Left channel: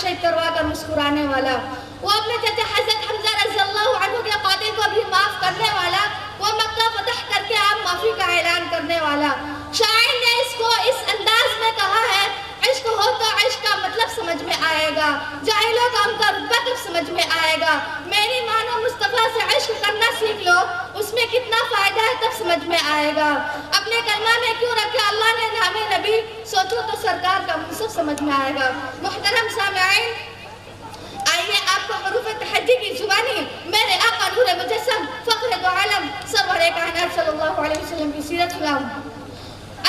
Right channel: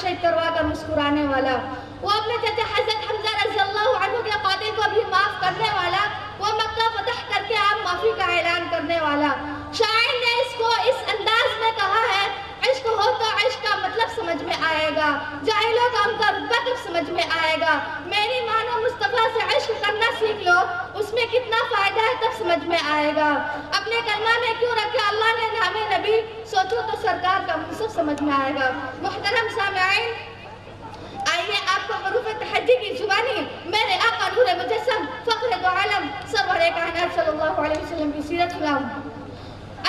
شہید کروا کر مسکرانے والا، وہ اپنے چچا حضرت حمزہ رضی اللہ عنہ کے قاتل کو بھی معاف کرنے والا، وہ مکہ فتح کر کے آپ معافی کا اعلان کرنے والا۔ شاعر نے اس کو اس انداز میں کہا ہے، عشق ہو تو عشق کا مطلب سمجھ میں آئے گا، جاہلوں کا ان کا رتبہ کب سمجھ میں آئے گا، میری مانو مصطفیٰ سے عشق کرنا سیکھ لو، اس میں کتنا فائدہ ہے تب سمجھ میں آئے گا۔ اپنے کلمہ میں کیوں رکھا اللہ نے نام نبی، سوچو تو سرکار کا منصب سمجھ میں آئے گا۔ محترم سامعین، آئیے آپ کو حروف تحجی کی زبانی میرے آقا نور مجسم فخر دو عالم سرور کائنات صلی اللہ علیہ وسلم کی سیرت سناؤں۔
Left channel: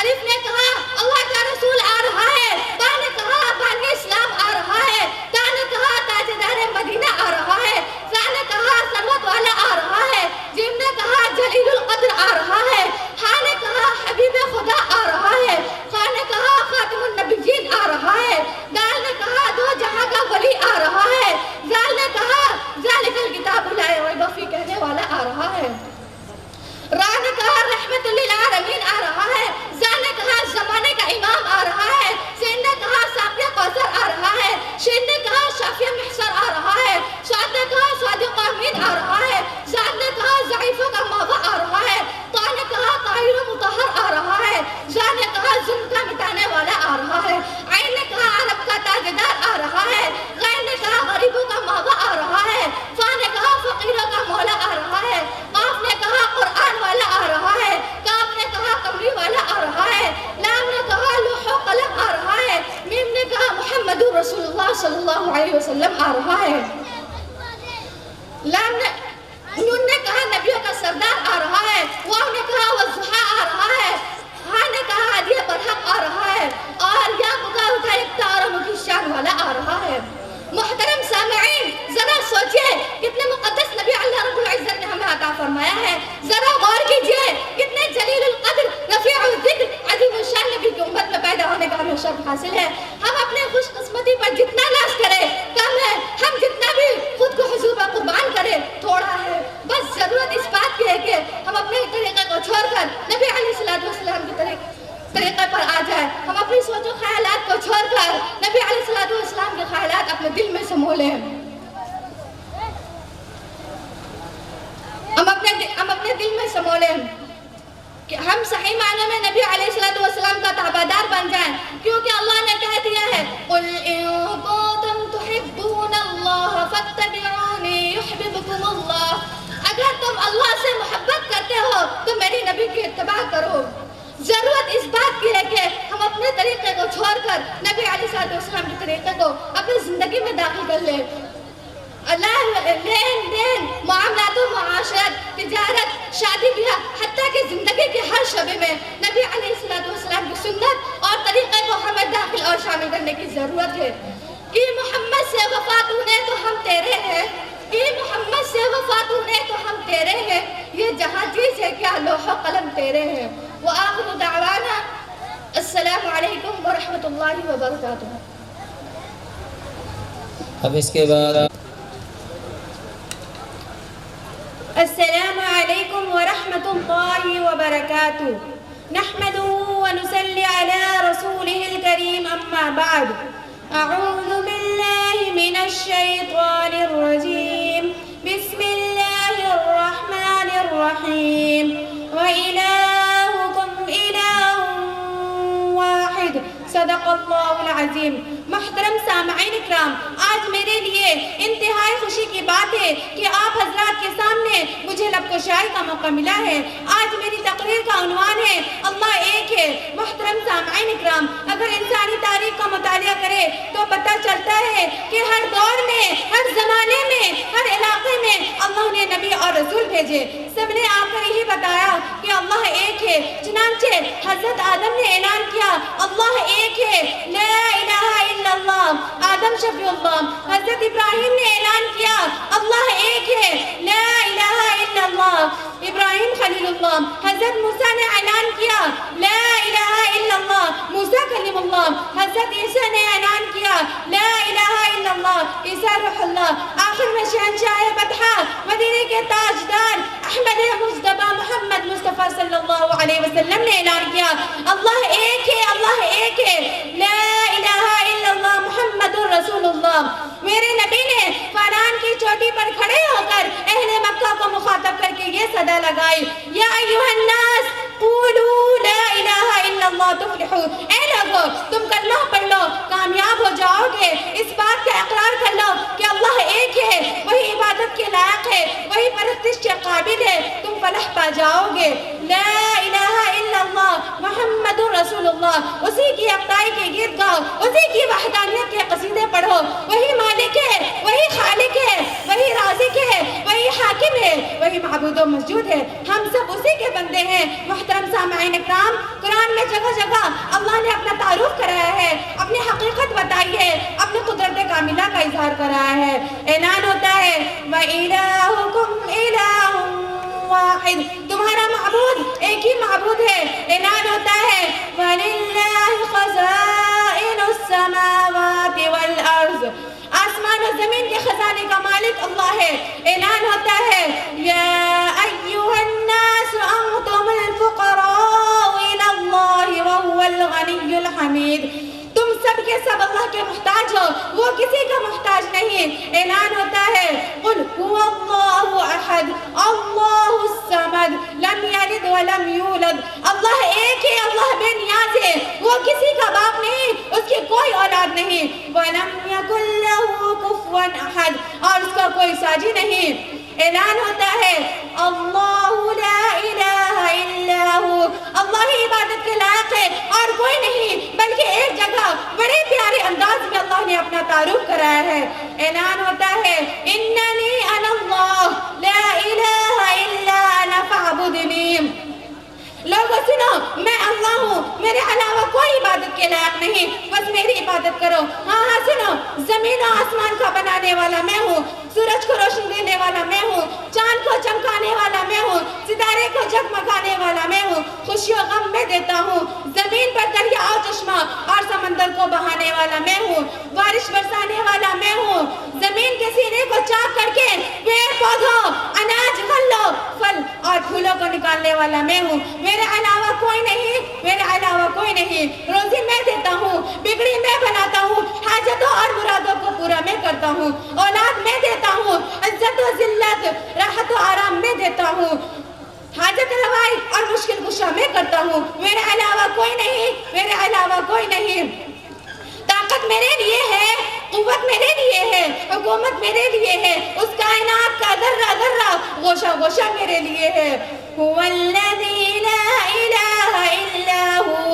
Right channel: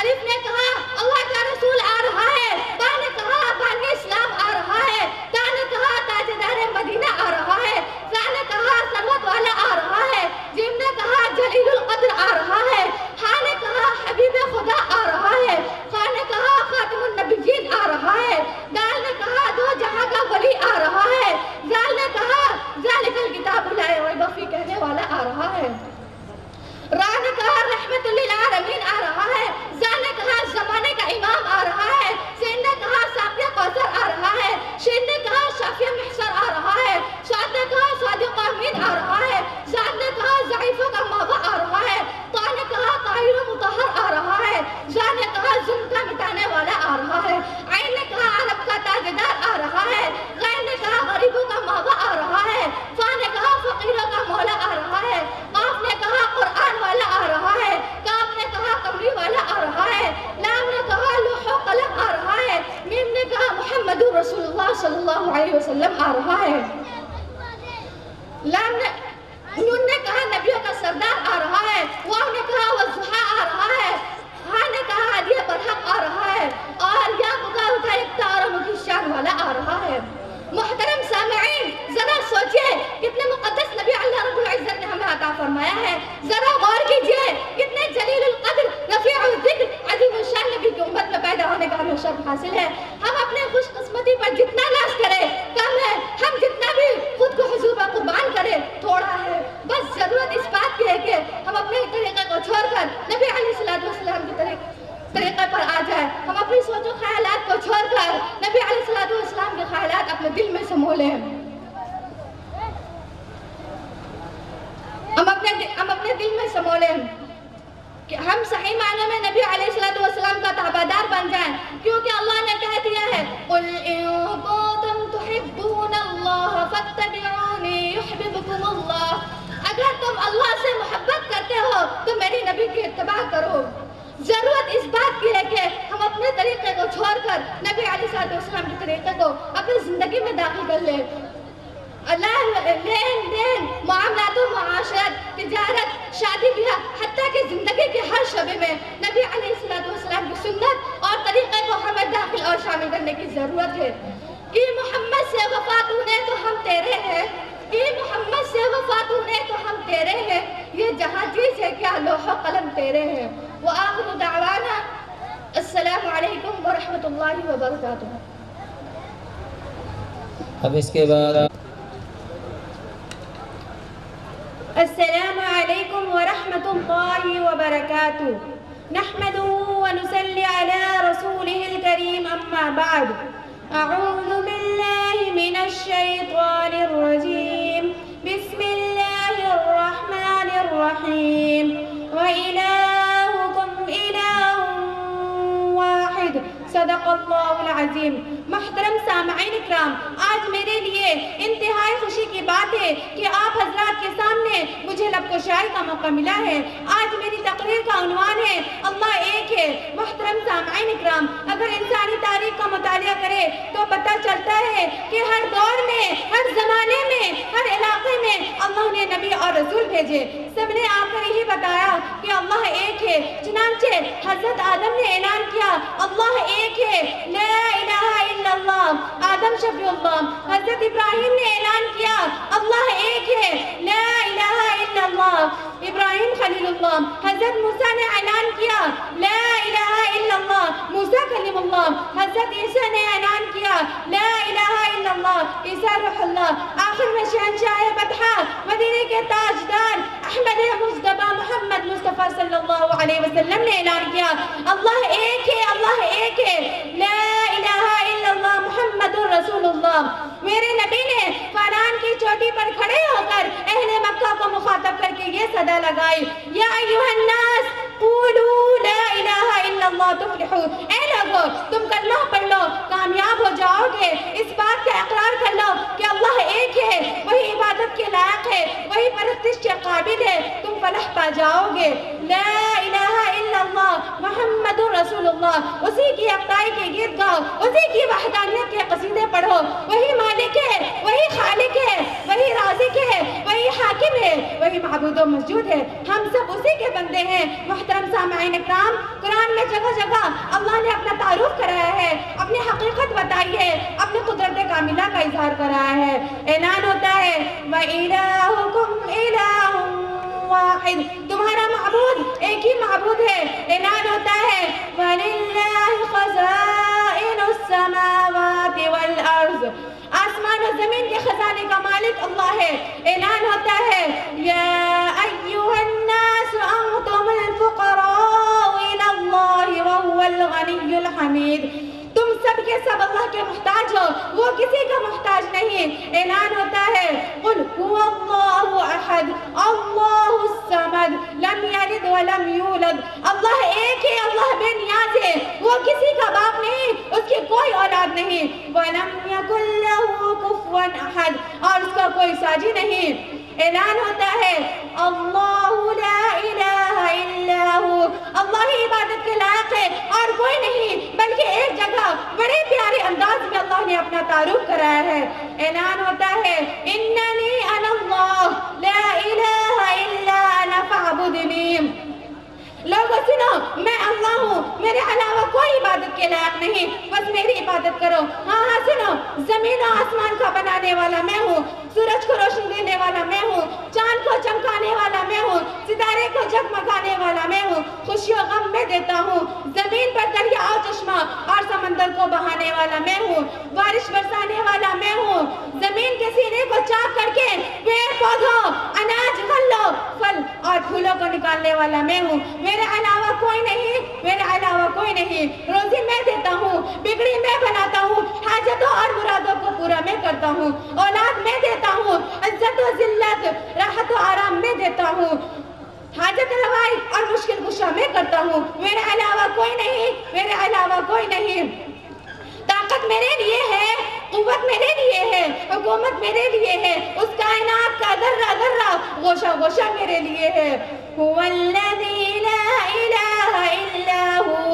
الف نے کہا اللہ کا رسول آ رہا ہے، با نے کہا بانی اسلام آ رہا ہے، تا نے کہا تاجدار مدینہ آ رہا ہے، زا نے کہا ثروت والا آ رہا ہے، جیم نے کہا جلیل القدر آ رہا ہے، ہا نے کہا حبیب خدا آ رہا ہے، خا نے کہا خاتم النبیین آ رہا ہے، دال نے کہا دو جہاں کا ولی آ رہا ہے، زال نے کہا ذالک الکتاب لا ریب فیہ کہنے والا آ رہا ہے، را نے کہا رحمت للعالمین آ رہا ہے، زا نے کہا زمانے کا امام آ رہا ہے، سین نے کہا ساقیہ کوثر آ رہا ہے، شین نے کہا شافیہ محشر آ رہا ہے، شاد نے کہا صادق امین آ رہا ہے، زاد نے کہا ضعیفوں کا ماوا آ رہا ہے، طا نے کہا طاہر و مطہر آ رہا ہے، زا نے کہا ظلم کا مٹانے والا آ رہا ہے، عین نے کہا عرب کا تاجدار آ رہا ہے، غین نے کہا غریبوں کا ماوا آ رہا ہے، فا نے کہا فقیروں کا مولا آ رہا ہے، قاف نے کہا قرآن والا آ رہا ہے، کاف نے کہا قمری والا آ رہا ہے، لام نے کہا لوح و قلم آ رہا ہے، میم نے کہا محمد رسول اللہ صلی اللہ علیہ وسلم آ رہا ہے، نون نے کہا نبیوں کا سردار آ رہا ہے، واو نے کہا والضحیٰ آ رہا ہے، ہا نے کہا ہدیہ برحق آ رہا ہے، اور یا پکار اٹھا یکتا اور مکی شان والا آ رہا ہے۔ محترم سامعین، ذرا سوچئے کتنے مقدس نبی اللہ رب العزت نے ہمیں عطا فرمایا ہے، ذرا غور کیجئے کتنے جلیل القدر رفیع الذکر عظیم الشان نبی کی امت میں پیدا ہونے کا ہمیں شرف حاصل ہے۔ ہم اپنے خوش قسمتی پر جتنا ناز کریں کم ہے، ہم جتنا بھی خود کو حضور پر قربان کریں تھوڑا ہے، بس ضرورت اس بات کی ہے کہ ہم اپنے طریقے کو چھوڑ کر نبی علیہ السلام کے طریقے پر آ جائیں، ہم اپنی سوچ و خیالات کو چھوڑ کر نبی علیہ السلام کے خیالات اپنے دل میں سمو لیں، ہم اپنے دل میں سمو لیں کہ ہم صحیح معنی میں نبی علیہ السلام کا تابعدار بن جائیں، کیونکہ اللہ نے کہہ دیا ہے قُلْ إِن كُنتُمْ تُحِبُّونَ اللَّهَ فَاتَّبِعُونِي يُحْبِبْكُمُ اللَّهُ، اگر تم اللہ سے محبت کرتے ہو تو میری نبی کی اتباع کرو۔ ضرورت اس بات کی ہے کہ ہم اپنے طریقے کو چھوڑ کر نبی علیہ السلام کے طریقے کو اپنی زندگی میں داخل کر لیں۔ لین دین، معاملات و معاشرت، تجارت، شادی بیاہ، حتیٰ کہ زندگی کے ہر شعبے میں نبی علیہ السلام کی سنت اور طریقے کو ہمیں داخل اور شامل کرنے کی ضرورت ہے۔ کہ محمد سے وفا تو نے تو ہم تیرے ہیں، کہ محمد سے وفا تو نے تو ہم تیرے ہیں، یہ جہاں چیز ہے کیا لوح و قلم تیرے ہیں۔ وآخر دعوانا السلام علیکم ورحمۃ اللہ وبرکاتہ۔ اب اس کے بعد السلام علیکم ورحمۃ اللہ وبرکاتہ، نحمده ونصلی علی رسوله الکریم، اما بعد، اعوذ باللہ من الشیطان الرجیم، بسم اللہ الرحمن الرحیم، وإلہکم الہ واحد، صدق اللہ العظیم۔ محترم سامعین اکرام، آج میرے لیے انتہائی خوشی کی بات ہے کہ آپ حضرات کے سامنے مجھے لب کشائی کا موقع ملا ہے۔ آج میری تقریر کا عنوان ہے اللہ ایک ہے۔ محترم سامعین اکرام، اگر انسانی تاریخ کا مطالعہ کرے تو پتہ چلتا ہے کہ ہر دور میں، ہر زمانے میں، ہر علاقے میں اللہ نے نبی اور رسول بھیجے، سب نے آ کر یہی بتایا کہ اللہ ایک ہے۔ چنانچہ حضرت آدم نے اعلان کیا اللہ ایک ہے، لا الہ الا اللہ، آدم شفیع اللہ۔ حضرت ابراہیم نے اعلان کیا اللہ ایک ہے، لا الہ الا اللہ، ابراہیم خلیل اللہ۔ حضرت موسیٰ نے اعلان کیا لا الہ الا اللہ، موسیٰ کلیم اللہ۔ حضرت عیسیٰ نے اعلان کیا لا الہ الا اللہ، عیسیٰ روح اللہ۔ آخر میں شہنشاہ بطحا، مدینے کے تاجدار احمد مصطفیٰ محمد مصطفیٰ صلی اللہ علیہ وسلم نے اعلان کیا اللہ ایک ہے، اللہ ایک ہے، لا الہ الا اللہ محمد رسول رسول اللہ. میرے نبی نے فاران کی چوٹی پر کھڑے ہو کر اہل مکہ کو مخاطب کر کے یہ صدا لگائی, یا ایھا الناس قولوا لا الہ الا اللہ تفلحوا. اے لوگو تم کلمہ پڑھ لو کامیاب ہو جاؤ گے. اس بات کا اقرار کر لو کہ اللہ ایک ہے, وہی عبادت کے لائق ہے, وہی پرستش کے قابل ہے, تم فلاح پا جاؤ گے. لا الہ الا اللہ محمد رسول اللہ, اسی کی اقدائی کے گیت گاؤ, اسی کی وحدانیت کے قصیدے پڑھو. وہی مالک ہے, وہی خالق ہے, وہی رازق ہے, وہی حاکم ہے, وہی معبود و مسجود ہے. ہم سب اسی کے بندے ہیں. محترم سامعین اکرام, قرآن میں جگہ جگہ اللہ نے اپنا تعارف کرایا ہے, اپنی حقیقت بتائی ہے, اپنی قدرت کاملہ کا اظہار کرایا ہے. اعلان ہوتا ہے وَإِلَٰهُكُمْ إِلَٰهٌ واحد, تمہارا معبود ایک ہی معبود ہے. اعلان ہوتا ہے وَلِلَّهِ خَزَائِنُ السَّمَاوَاتِ وَالْأَرْضِ, آسمان و زمین کے خزانے کا مالک اللہ ہے. اعلان ہوتا ہے یا ایھا الناس انتم الفقراء الی اللہ وهو الغنی الحمید, تم سب کے سب اللہ کے محتاج ہو, وہ کسی کا محتاج نہیں. اعلان ہوتا ہے قل هو اللہ احد اللہ الصمد لم یلد ولم یولد, اللہ ایک ہے, اللہ بے نیاز ہے, وہ کسی کا باپ نہیں, اس کی کوئی اولاد نہیں. ولم یکن لہ کفوا احد, اور اس کا کوئی ساجی نہیں. اعلان ہوتا ہے اللہ لا الہ الا ہو, اللہ ہی عبادت کے لائق ہے اور کوئی نہیں. بلکہ ایک جگہ بڑے پیارے انداز میں اللہ نے اپنا تعارف کرایا ہے. اعلان ہوتا ہے اننی انا اللہ لا الہ الا انا فاعبدنی. لوگوں سنو, میں اللہ ہوں, میرے علاوہ کوئی عبادت کے لائق نہیں, بس میری عبادت کرو. ہاں سنو, زمین و آسمان کا بنانے والا میں ہوں, سورج کو روشن دینے والا میں ہوں, چاند کو چمکانے والا میں ہوں, ستارے کو جگمگانے والا میں ہوں, خوشی و غم میں دیتا ہوں, زمین پر دریا و چشمہ اور سمندر کو بہانے والا میں ہوں, بارش برسانے والا میں ہوں, زمین کے سینے کو چاک کر کے پیڑ پودوں, اناج, پھلوں, پھل اور پھولوں کو نکالنے والا میں ہوں. میرے علاوہ کوئی نہیں, میرے علاوہ کوئی نہیں. روزی میں دیتا ہوں, بگڑی میں بناتا ہوں, حاجتوں اور مرادوں کو پورا میں کرتا ہوں, اولاد میں دیتا ہوں, عزت و ذلت, راحت و آرام میں دیتا ہوں, حاجت روائی اور مشکل کشا میں کرتا ہوں. میرے علاوہ کوئی نہیں, میرے علاوہ کوئی نہیں. طاقت میرے لیے ہے, قوت میرے لیے ہے, حکومت میرے لیے ہے, اس کائنات کا ذرہ ذرہ گوشہ گوشہ میرے لیے ہے. هو الذی لا الہ الا ہو,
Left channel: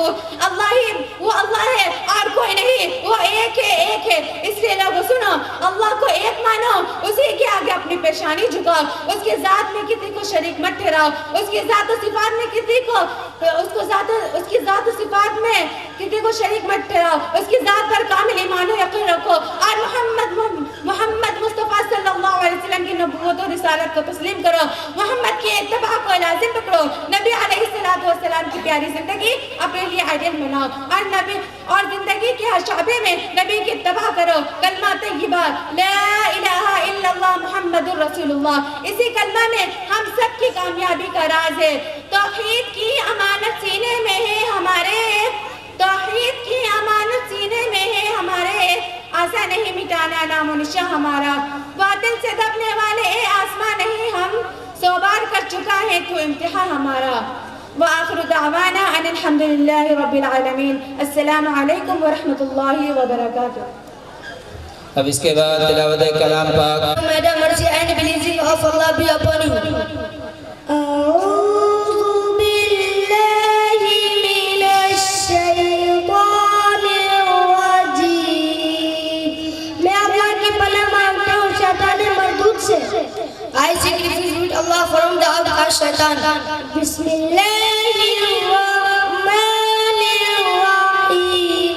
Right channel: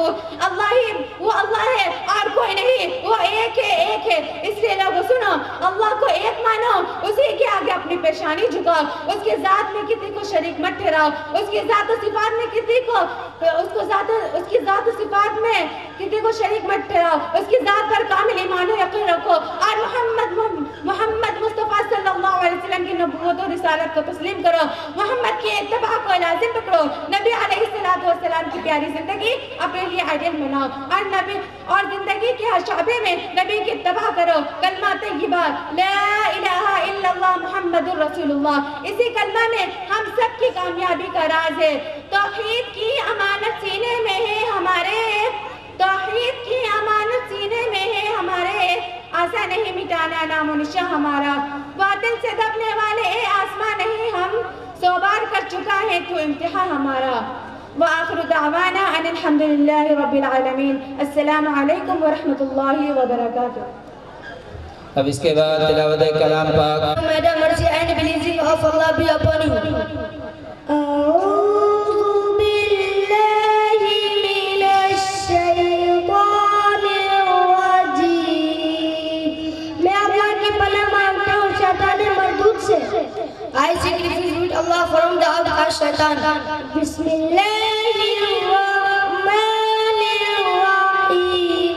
اللہ ہی وہ اللہ ہے اور کوئی نہیں, وہ ایک ہے, ایک ہے. اس لیے لوگوں سنو, اللہ کو ایک مانو, اسی کے آگے اپنی پیشانی جھکاؤ, اس کے ذات میں کسی کو شریک مت ٹھہراؤ, اس کی ذات و صفات میں کسی کو اس کی ذات و صفات میں کسی کو شریک مت ٹھہراؤ, اس کی ذات پر کامل ایمان و یقین رکھو, اور محمد مصطفیٰ صلی اللہ علیہ وسلم کی نبوت و رسالت کو تسلیم کرو, محمد کی اتباع کو لازم پکڑو, نبی علیہ السلام کی پیاری زندگی اپنے لیے آئیڈیل بناؤ, اور زندگی کے ہر شعبے میں نبی کی اتباع کرو. کلمہ طیبہ لا الہ الا اللہ محمد رسول اللہ, اسی کلمہ میں ہم سب کی کامیابی کا راز ہے. توحید کی امانت سینے میں ہے ہمارے, توحید کی امانت سینے میں ہے ہمارے, آسا نہیں مٹانا نام و نشاں ہمارا. باطل سے دبنے والے اے آسمان نہیں, ہم 100 بار کر چکا ہے تو امتحان ہمارا. وآخر دعوانا ان الحمدللہ رب العالمین. السلام علیکم ورحمۃ اللہ وبرکاتہ. اب اس کے بعد تلاوت کلام پاک. Madam, mercy and blessing of Allah be upon you. I seek refuge with Allah from the outcast Shaitan. Bismillahirrahmanirrahim.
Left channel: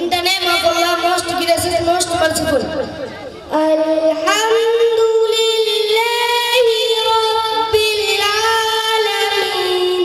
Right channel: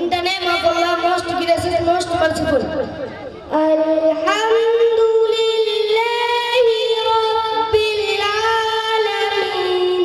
In the name of Allah, most gracious, most merciful. Alhamdulillahi Rabbil Alamin.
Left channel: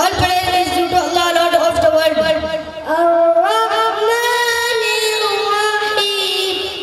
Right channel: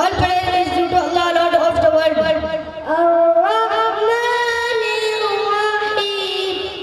All praise is due to Allah, Lord of the world. Ar-Rahmanir-Rahim.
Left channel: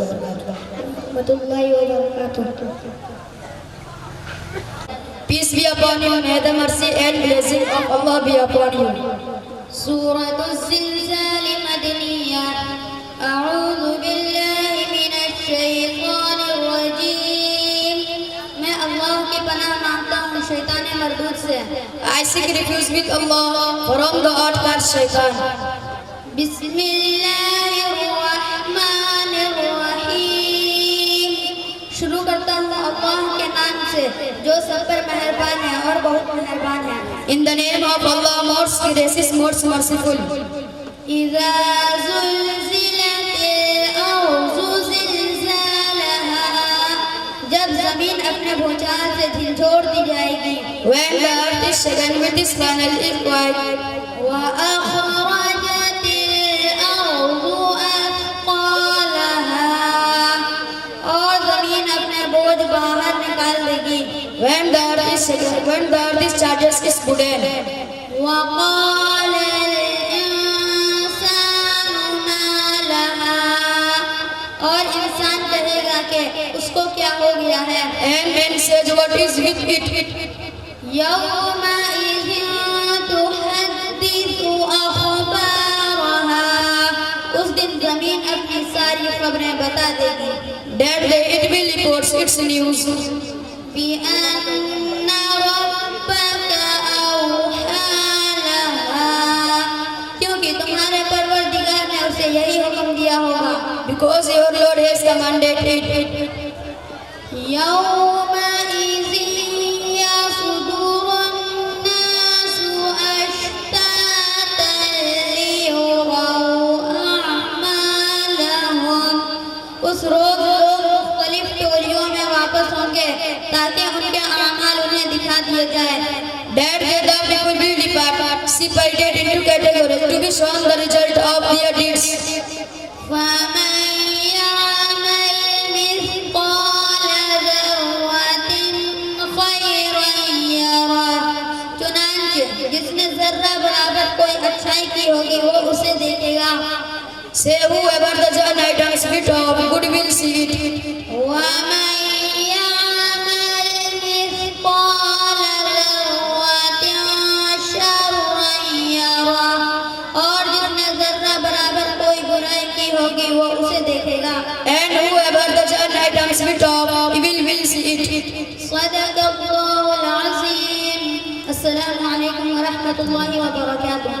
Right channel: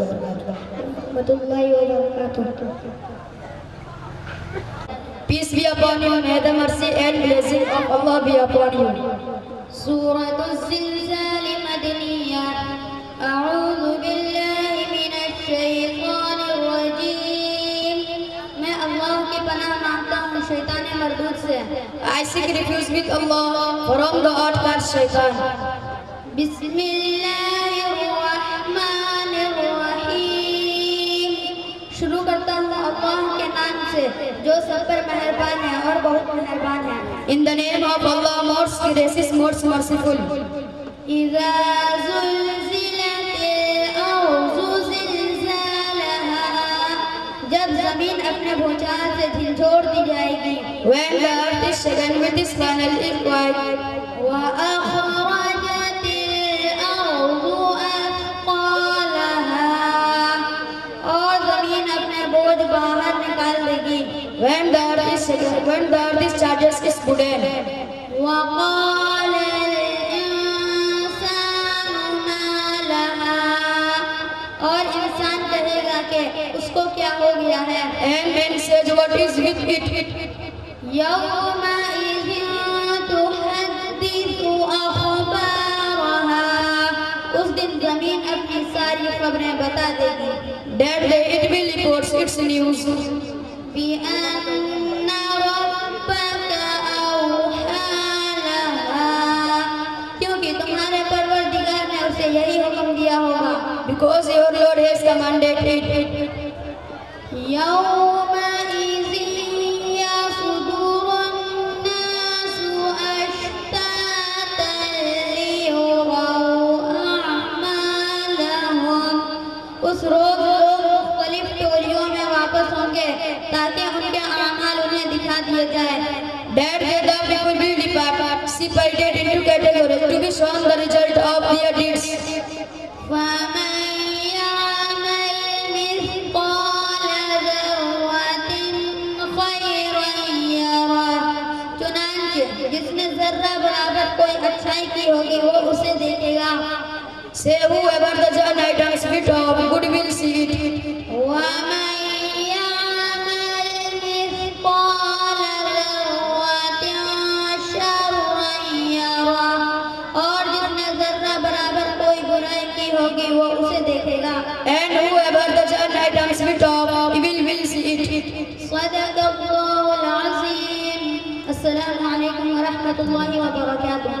warahmatullahi wabarakatuh. Peace be upon you, may the mercy and blessing of Allah be upon you. سورة الزلزال مدنية. أعوذ بالله من الشيطان الرجيم. میں اللہ کی پناہ مانگتا ہوں شیطان مردود سے. I seek refuge with Allah from the outcast shaitan. بسم اللہ الرحمن الرحیم. شروع کرتا ہوں اللہ کے نام سے جو سب پر مہربان ہے اور بہت مہربان ہے. In the name of Allah, most gracious, most merciful. إذا زلزلت الأرض زلزالها. جب زمین اپنے بھونچال سے جھنجھوڑ دی جائے گی. When the earth is shaken with its final earthquake. وأخرجت الأرض أثقالها. اور زمین اپنے بوجھ باہر نکال دے گی. When the earth is shaken, when the earth is charged, is wooden. وقال الإنسان ما لها. اور انسان کہے گا کہ اس کو کیا ہو گیا ہے. And man says, what is with it? يومئذ تحدث أخبارها. اس دن زمین اپنی ساری خبریں بتا دے گی. That day it will report its news. بأن ربك أوحى لها. کیونکہ تمہارے پروردگار نے اسے یہی حکم دیا ہوگا. Because your Lord has commanded it. يومئذ يصدر الناس أشتاتا ليروا أعمالهم. اس روز لوگ مختلف ٹولیوں میں واپس ہوں گے تاکہ ان کے اعمال انہیں دکھا دیے جائیں. That day the people will depart, separated into categories to be shown the result of their deeds. فمن يعمل مثقال ذرة خيرا يره. چنانچہ جس نے ذرہ برابر کوئی اچھائی کی ہوگی وہ اسے دیکھے گا. Say whoever does an item's bit of good will see it. ومن يعمل مثقال ذرة شرا يره. اور جس نے ذرہ برابر کوئی برائی کی ہوگی وہ اسے دیکھے گا. And whoever does an item's bit of evil will see it. صدق اللہ العظیم. السلام علیکم ورحمۃ اللہ وبرکاتہ.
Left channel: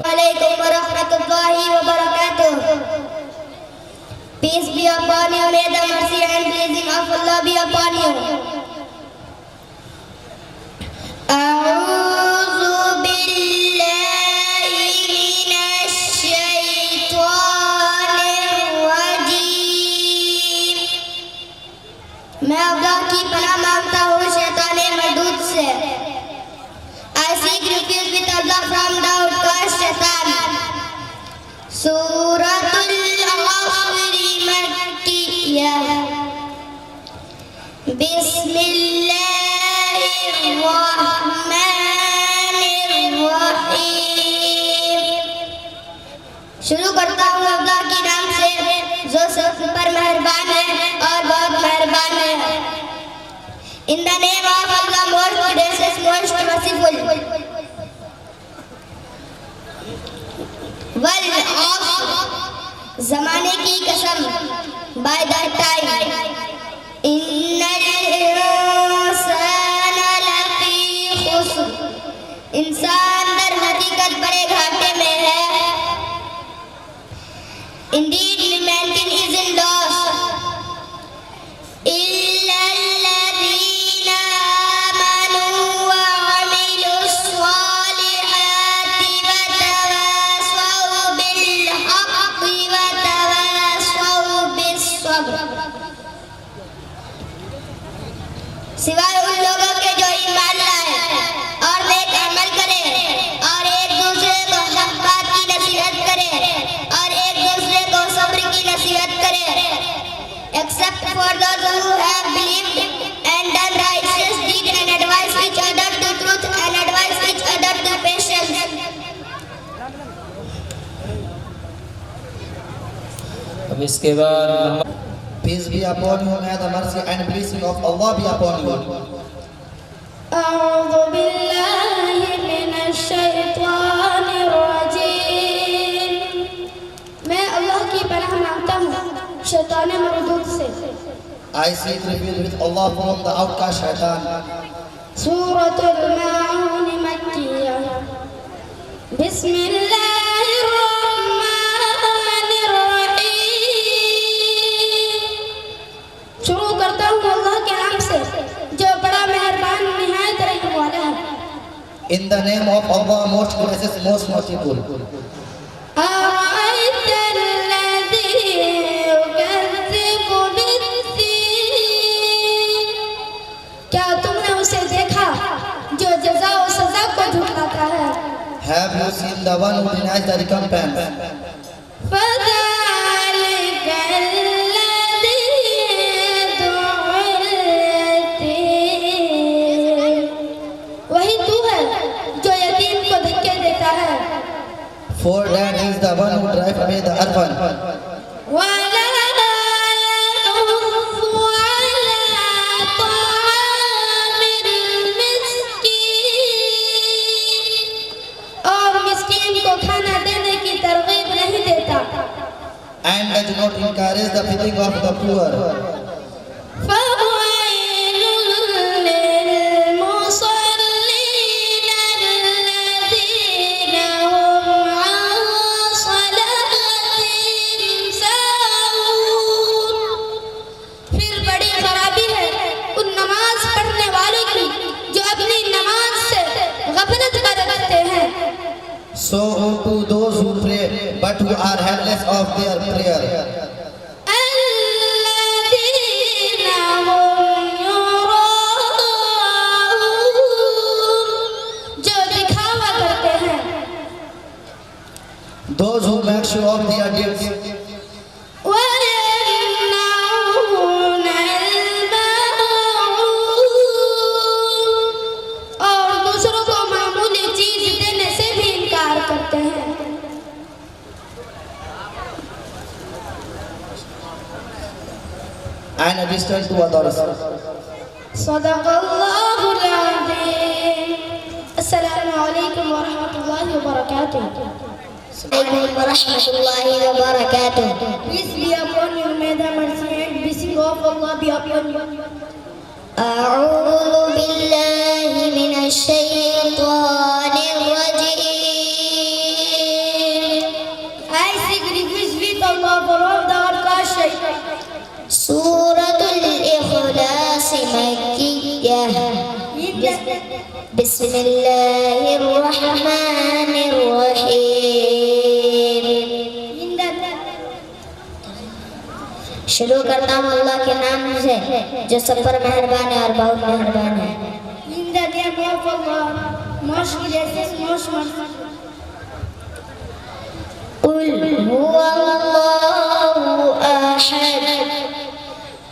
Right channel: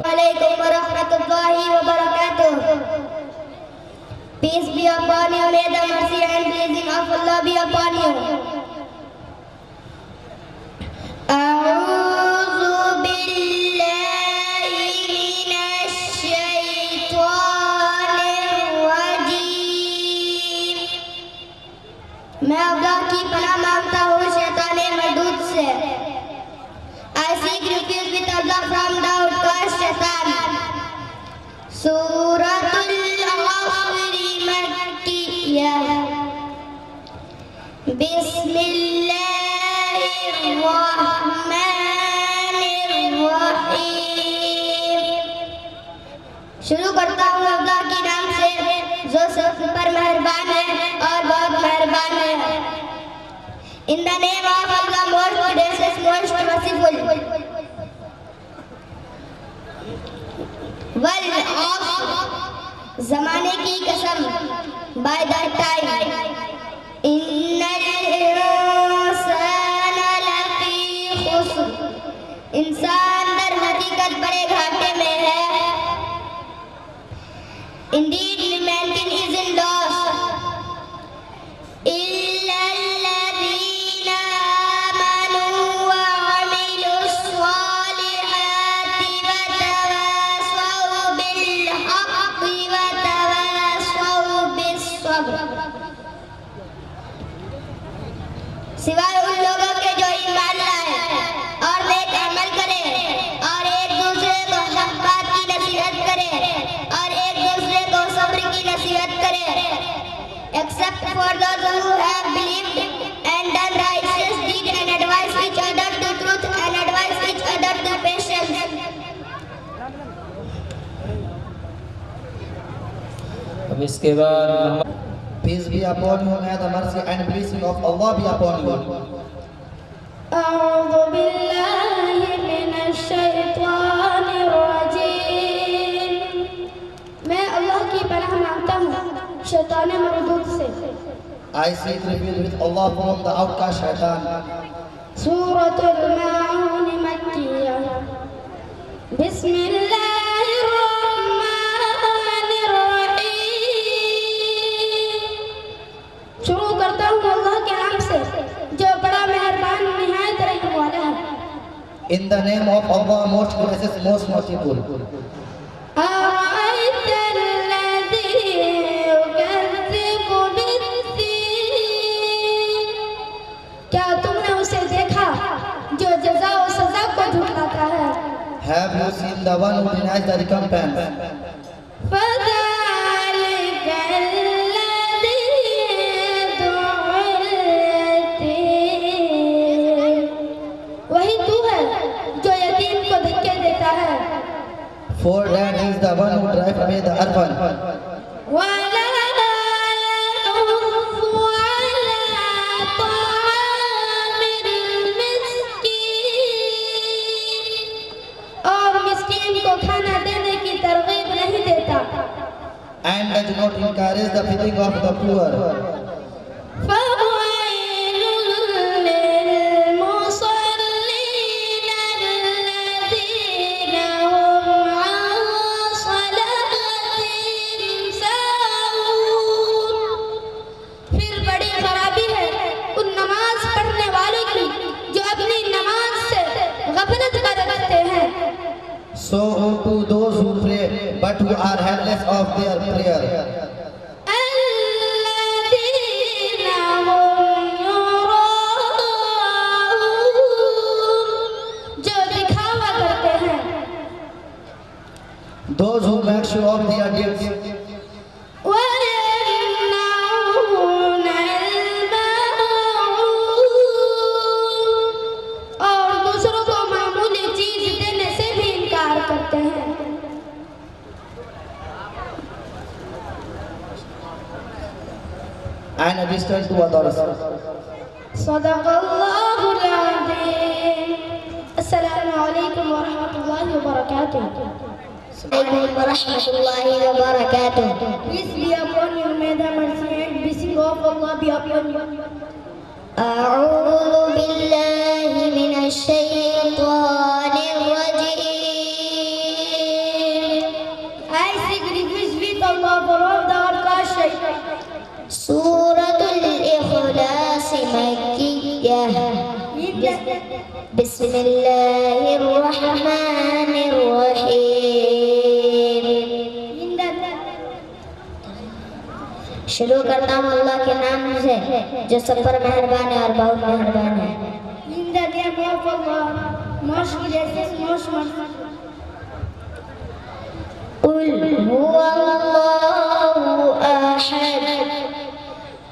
وعلیکم ورحمۃ اللہ وبرکاتہ. Peace be upon you, may the mercy and blessing of Allah be upon you. أعوذ بالله من الشيطان الرجيم. میں اللہ کی پناہ مانگتا ہوں شیطان مردود سے. I seek refuge with Allah from the outcast shaitan. سورة العصر مكية. بسم الله الرحمن الرحیم. شروع کرتا ہوں اللہ کے نام سے جو سب پر مہربان ہے اور بہت مہربان ہے. In the name of Allah, most gracious, most merciful. والعصر. زمانے کی قسم. By that time. إن الإنسان لفی خسر. انسان در حقیقت بڑے گھاٹے میں ہے. Indeed, mankind is in loss. إلا الذين آمنوا وعملوا الصالحات وتواصوا بالحق وتواصوا بالصبر. سوائے ان لوگوں کے جو ایمان لائے اور نیک عمل کرے اور ایک دوسرے کو حق بات کی نصیحت کرے اور ایک دوسرے کو صبر کی نصیحت کرے. Except for those who have believed and done righteous deeds and advise each other to truth and advise each other to patience. اب اس کے بعد Peace be upon you, may the mercy and blessing of Allah be upon you. أعوذ بالله من الشيطان الرجيم میں اللہ کی پناہ مانگتا ہوں شیطان مردود سے I seek refuge with Allah from the outcast shaitan. سورة الماعون مكية بسم الله الرحمن الرحيم شروع کرتا ہوں اللہ کے نام سے جو بڑا مہربان نہایت رحم والا ہے In the name of Allah, most gracious, most merciful. أرأيت الذي يكذب بالدين کیا تم نے اسے دیکھا جو جزا و سزا کو جھٹلاتا ہے Have you seen the one who denies the recompense? فذلك الذي يدعو اليتيم وہی تو ہے جو یتیم کو دھکے دیتا ہے For that is the one who drives away the orphan. ولا يحض على طعام المسكين اور مسکین کو کھانا دینے کی ترغیب نہیں دیتا And does not encourage the feeding of the poor. فويل للمصلين الذين هم عن صلاتهم ساهون پھر بڑی خرابی ہے ان نماز پڑھنے والوں کی جو اپنی نماز سے غفلت کر رکھتے ہیں So to those who pray, but who are heedless of their prayer. الذين هم يراءون جو دکھاوا کرتے ہیں Those who make show of their deeds. ويمنعون الماعون اور دوسروں کو معمولی چیز دینے سے بھی انکار کرتے ہیں And a distance to others. صدق الله العظيم السلام عليكم ورحمة الله وبركاته عليكم ورحمة الله وبركاته. Peace be upon you, may the mercy and blessing of Allah be upon you. أعوذ بالله من الشيطان الرجيم. I seek refuge with Allah from the outcast shaitan. سورة الإخلاص مكية. بسم الله الرحمن الرحيم. شروع کرتا ہوں اللہ کے نام سے جو سب پر مہربان ہے اور بہت مہربان ہے. In the name of Allah, most gracious, most merciful. قل هو الله أحد.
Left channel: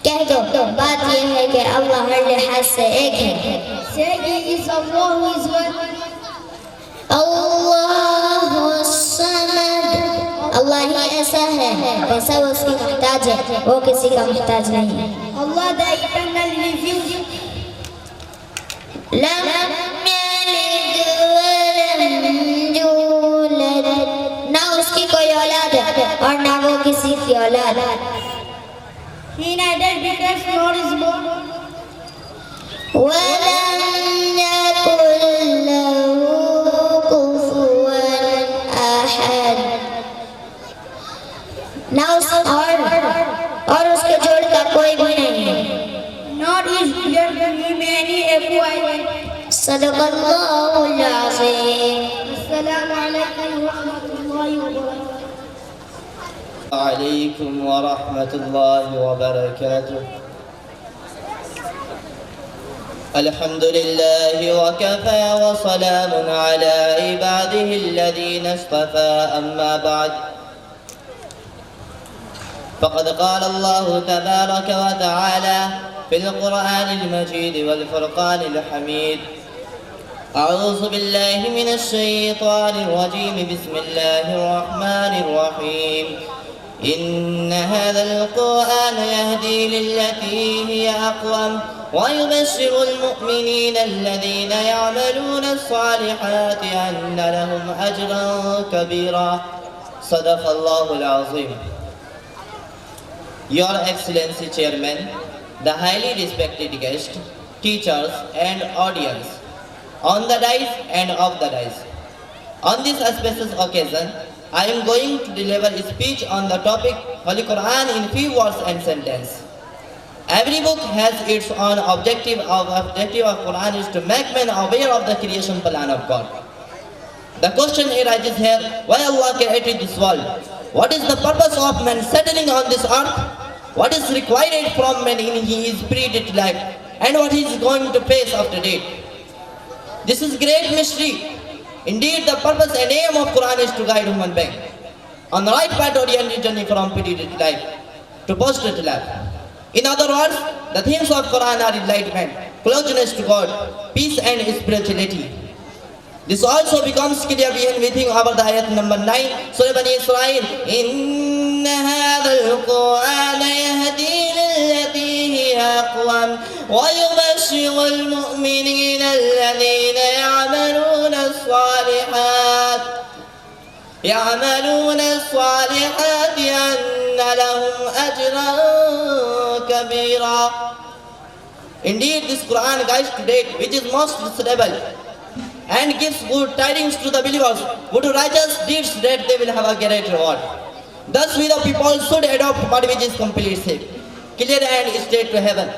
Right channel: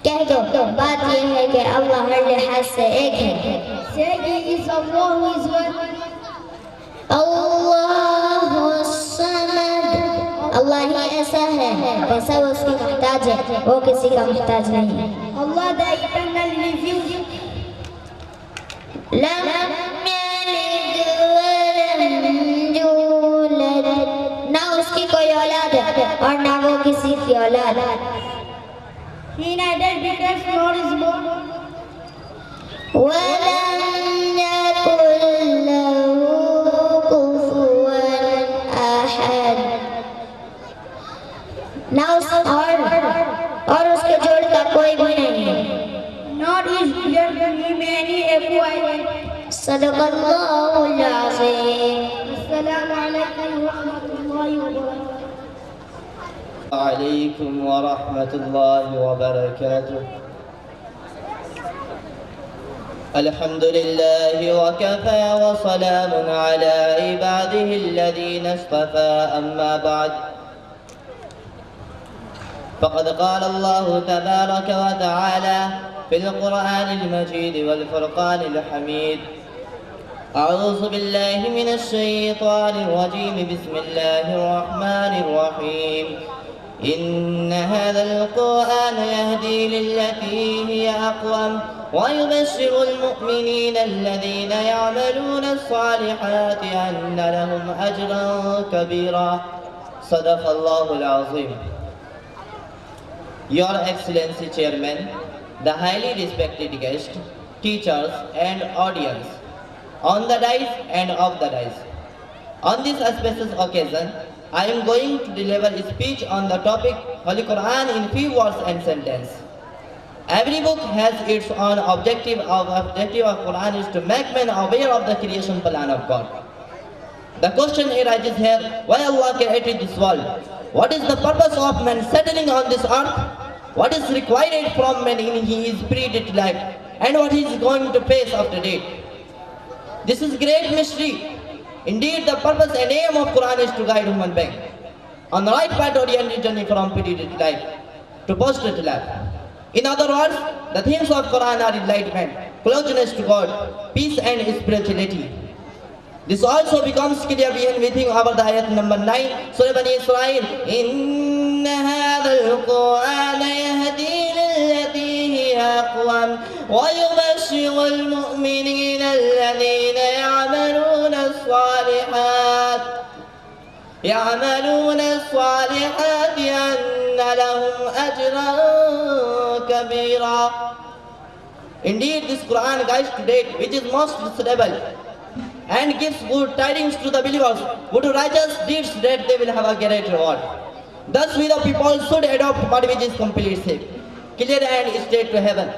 کہہ دو بات یہ ہے کہ اللہ ہر لحاظ سے ایک ہے. Say He is Allah who is one. اللہ الصمد. اللہ ہی ایسا ہے ایسا وہ اس کی محتاج ہے وہ کسی کا محتاج نہیں. Allah the eternal refuge. لم يلد ولم يولد. نہ اس کی کوئی اولاد ہے اور نہ وہ کسی کی اولاد. He neither begotten nor is born. ولم يكن له كفوا أحد. نہ اس اور اس کے جوڑ کا کوئی بھی نہیں ہے. Nor is there to him any equivalent. صدق اللہ العظیم. السلام علیکم ورحمۃ اللہ وبرکاتہ. عليكم ورحمة الله وبركاته. الحمد لله وكفى وسلام على عباده الذين اصطفى أما بعد فقد قال الله تبارك وتعالى في القرآن المجيد والفرقان الحميد أعوذ بالله من الشيطان الرجيم بسم الله الرحمن الرحيم إن هذا القرآن يهدي للتي هي أقوم ويبشر المؤمنين الذين يعملون الصالحات أن لهم أجرا كبيرا. صدق الله العظيم. Your Excellency Chairman, the highly respected guests, teachers and audience, on the dais and off the dais. On this auspicious occasion, I am going to deliver a speech on the topic Holy Quran in few words and sentences. Every book has its own objective. Our objective of Quran is to make men aware of the creation plan of God. The question arises here, why Allah created this world? What is the purpose of man settling on this earth? What is required from man in his pre-death life? And what he is going to face after death? This is great mystery. Indeed, the purpose and aim of Quran is to guide human being on the right path oriented journey from pre-death life to post-death life. In other words, the themes of Quran are enlightenment, closeness to God, peace and spirituality. This also becomes clear within our ayat number 9, Surah Bani Israel. إِنَّ هَذَا الْقُرْآنَ يَهْدِي لِلَّتِي هِيَ أَقْوَمُ وَيُبَشِّرُ الْمُؤْمِنِينَ الَّذِينَ يَعْمَلُونَ الصَّالِحَاتِ أَنَّ لَهُمْ أَجْرًا كَبِيرًا. Indeed, this Quran guides to date, which is most stable, and gives good tidings to the believers, good righteous deeds that they will have a great reward. Thus we the people should adopt what which is completely safe, clear and straight to heaven.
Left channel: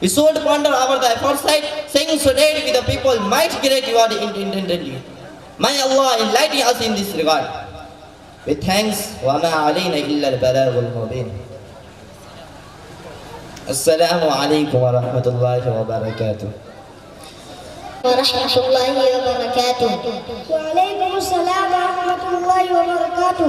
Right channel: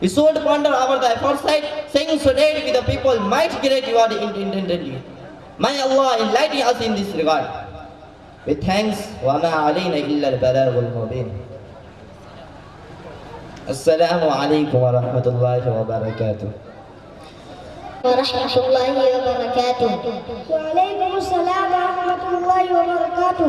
We should ponder over the aforesight, saying so that we the people might get reward intendedly. May Allah enlighten us in this regard. With thanks, وَمَا عَلَيْنَا إِلَّا الْبَلَاغُ الْمُبِينُ. Assalamu alaikum wa rahmatullahi wa barakatuh. ورحمة الله وبركاته. وعليكم السلام ورحمة الله وبركاته.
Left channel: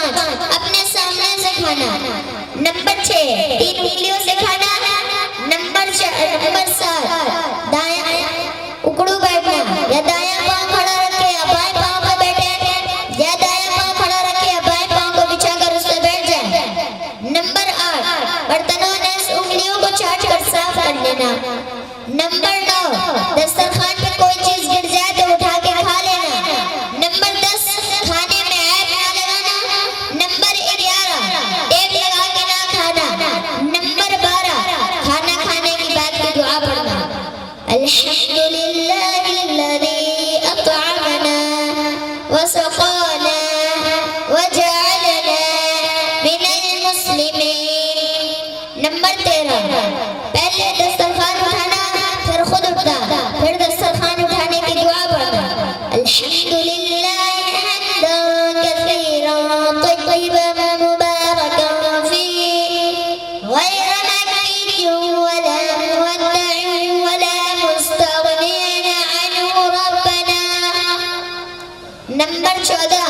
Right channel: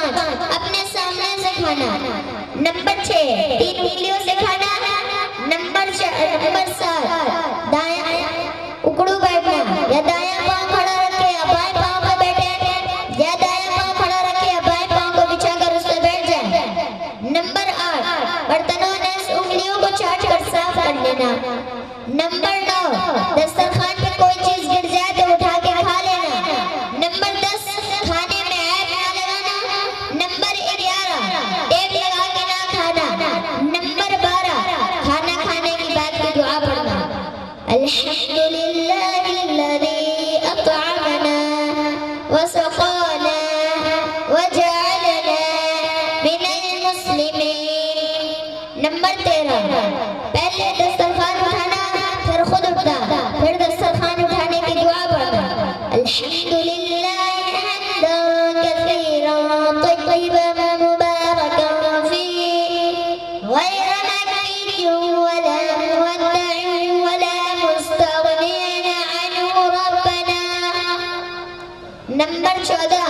5 اپنے سامنے سے کھانا. نمبر 6 3 انگلیوں سے کھانا. نمبر 7 دایاں اکڑو بیٹھنا یا دایاں پاؤں کھڑا رکھے یا بائیں پاؤں پہ بیٹھے یا دایاں پاؤں کھڑا رکھے یا بائیں پاؤں کو بچھا کر اس پہ بیٹھ جائیں. نمبر 8 برتنوں نے انگلیوں کو چاٹ کر صاف کر لینا. نمبر 9 دسترخوان پہ کوئی چیز گر جائے تو اٹھا کے کھا لینا. نمبر 10 کھانے میں عیب نہ لگانا. نمبر 11 ٹیپ لگا کے نہ کھانا. نمبر 12 کھانا کھانے کے بعد کی دعا پڑھنا. الحمدللہ الذی اطعمنا وسقانا وجعلنا من المسلمین. نمبر 13 پہلے دسترخوان اٹھانا پھر خود اٹھنا پھر دسترخوان اٹھانے کی دعا پڑھنا. الحمدللہ حمدا کثیرا طیبا مبارکا فیہ غیر مکین ولا مودع ولا مستغنی عنہ ربنا. نمبر 14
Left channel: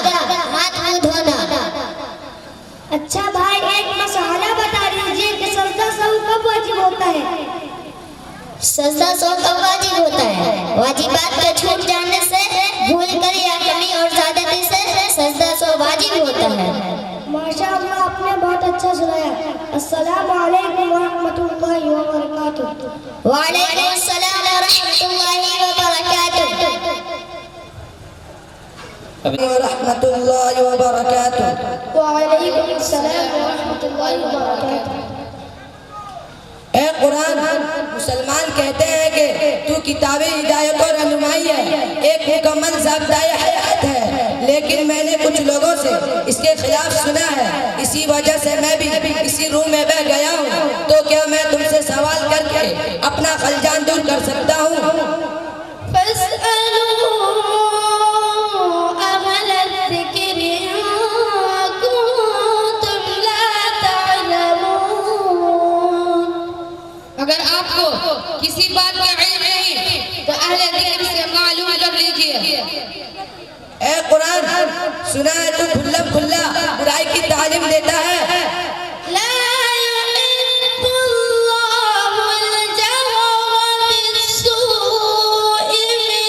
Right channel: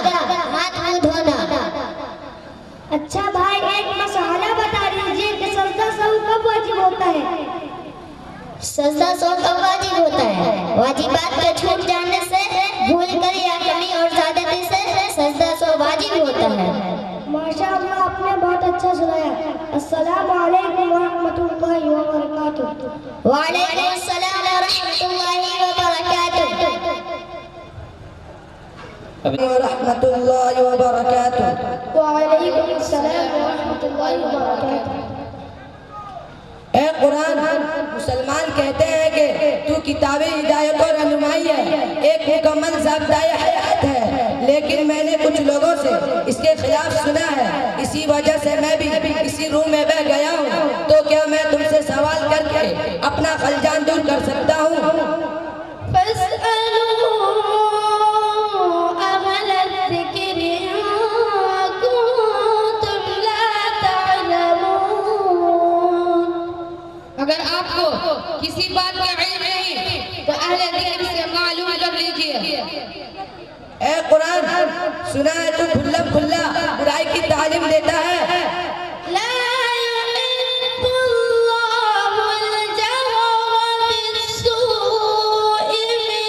ہاتھ منہ دھونا. اچھا بھائی ایک مسئلہ بتا دیجیے کہ سجدہ سہو کب واجب ہوتا ہے؟ سجدہ سہو کب واجب ہوتا ہے؟ واجبات کا چھوٹ جانے سے، بھول کر یا کمی اور زیادتی سے سجدہ سہو واجب ہوتا ہے. ماشاء اللہ آپ نے بہت اچھا سنایا. السلام علیکم ورحمۃ اللہ وبرکاتہ. وعلیکم السلام ورحمۃ اللہ وبرکاتہ. ورحمۃ اللہ وبرکاتہ. وعلیکم السلام ورحمۃ اللہ وبرکاتہ. اے قرآن، مسلمان کہتے ہیں کہ تو کتاب ہدایت و رہنمائی ہے، ایک مکمل ضابطۂ حیات ہے، لیکن میں نے کچھ لوگوں سے اس کے خلاف سنا ہے. اسی وجہ سے میں بھی اسی روم میں بیٹھ گیا ہوں. تو کیا میں تم سے سوال کر کے اپنا خلجان دور کر سکتا ہوں؟ فاسألوا أهل الذكر إن كنتم لا تعلمون. اگر آپ کو کسی بات کا علم نہیں تو اہل ذکر سے معلوم کر لیجئے. اے قرآن، سنا ہے تو کھلا کھلا برائی کی تعلیم دیتا ہے. لا يحب الله الجهر بالسوء من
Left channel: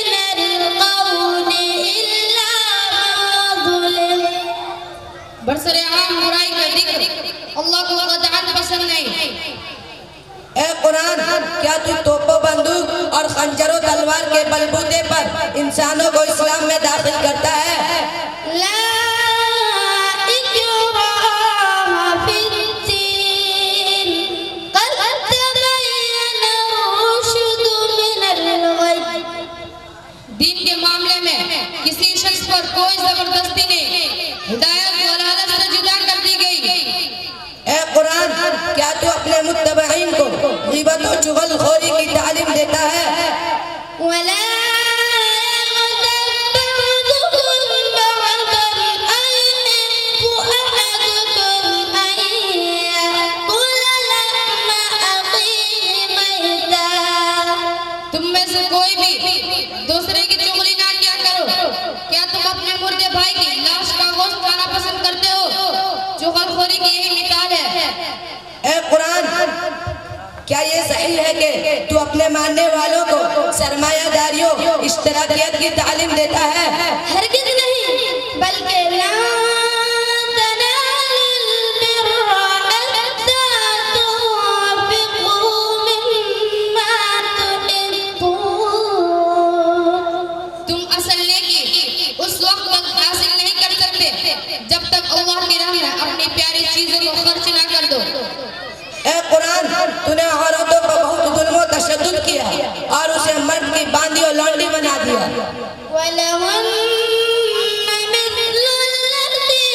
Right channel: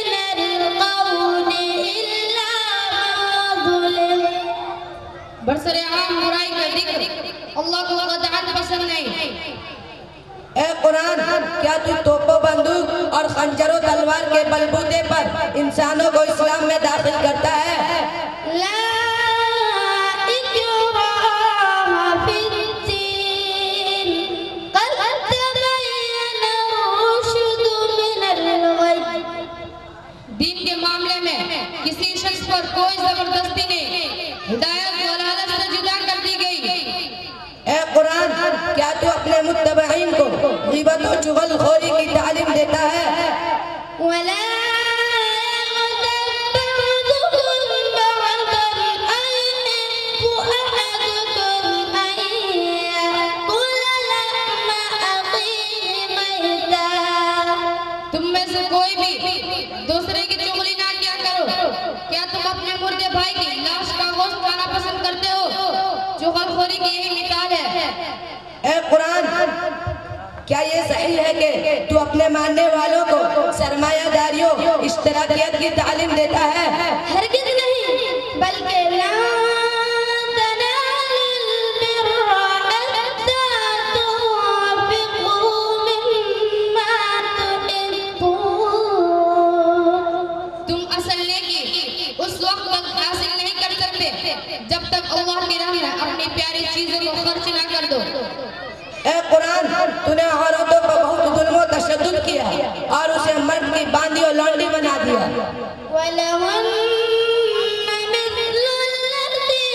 القول إلا ما ظلم. برسر عام برائی کا ذکر اللہ کو قطعاً پسند نہیں. اے قرآن، کیا تو توپ و بندوق اور خنجر و تلوار کے بلبوتے پر انسانوں کو اسلام میں داخل کرتا ہے؟ لا إكراه في الدين قد تبين الرشد من الغي. دین کے معاملے میں کسی شخص پر کوئی زبردستی نہیں، ہدایت ضلالت سے جدا کر دی گئی. اے قرآن، کیا تو اپنے متبعین کو غیبت و چغل خوری کی تعلیم دیتا ہے؟ ولا يغتب بعضكم بعضا أيحب أحدكم أن يأكل لحم أخيه ميتا. تم میں سے کوئی بھی دوسرے کی چغلی نہ کیا کرو. کیا تم اپنے مردے بھائی کی لاش کا گوشت کھانا پسند کرتے ہو؟ چغل خوری کی یہی مثال ہے. اے قرآن، کیا یہ صحیح ہے کہ تو اپنے ماننے والوں کو سرمایہ داریوں اشتراکیت کی تعلیم دیتا ہے؟ ہرگز نہیں، بلکہ لا تنالوا البر حتى تنفقوا مما تحبون. تم اصل نیکی اس وقت تک حاصل نہیں کر سکتے جب تک اللہ کی راہ میں اپنی پیاری چیزوں کو خرچ نہ کر دو. اے قرآن، تو نے عورتوں کو بہت ظلم و تشدد کیا اور اسے مرد کی باندھی اور لونڈی بنا دیا. ولهن مثل الذي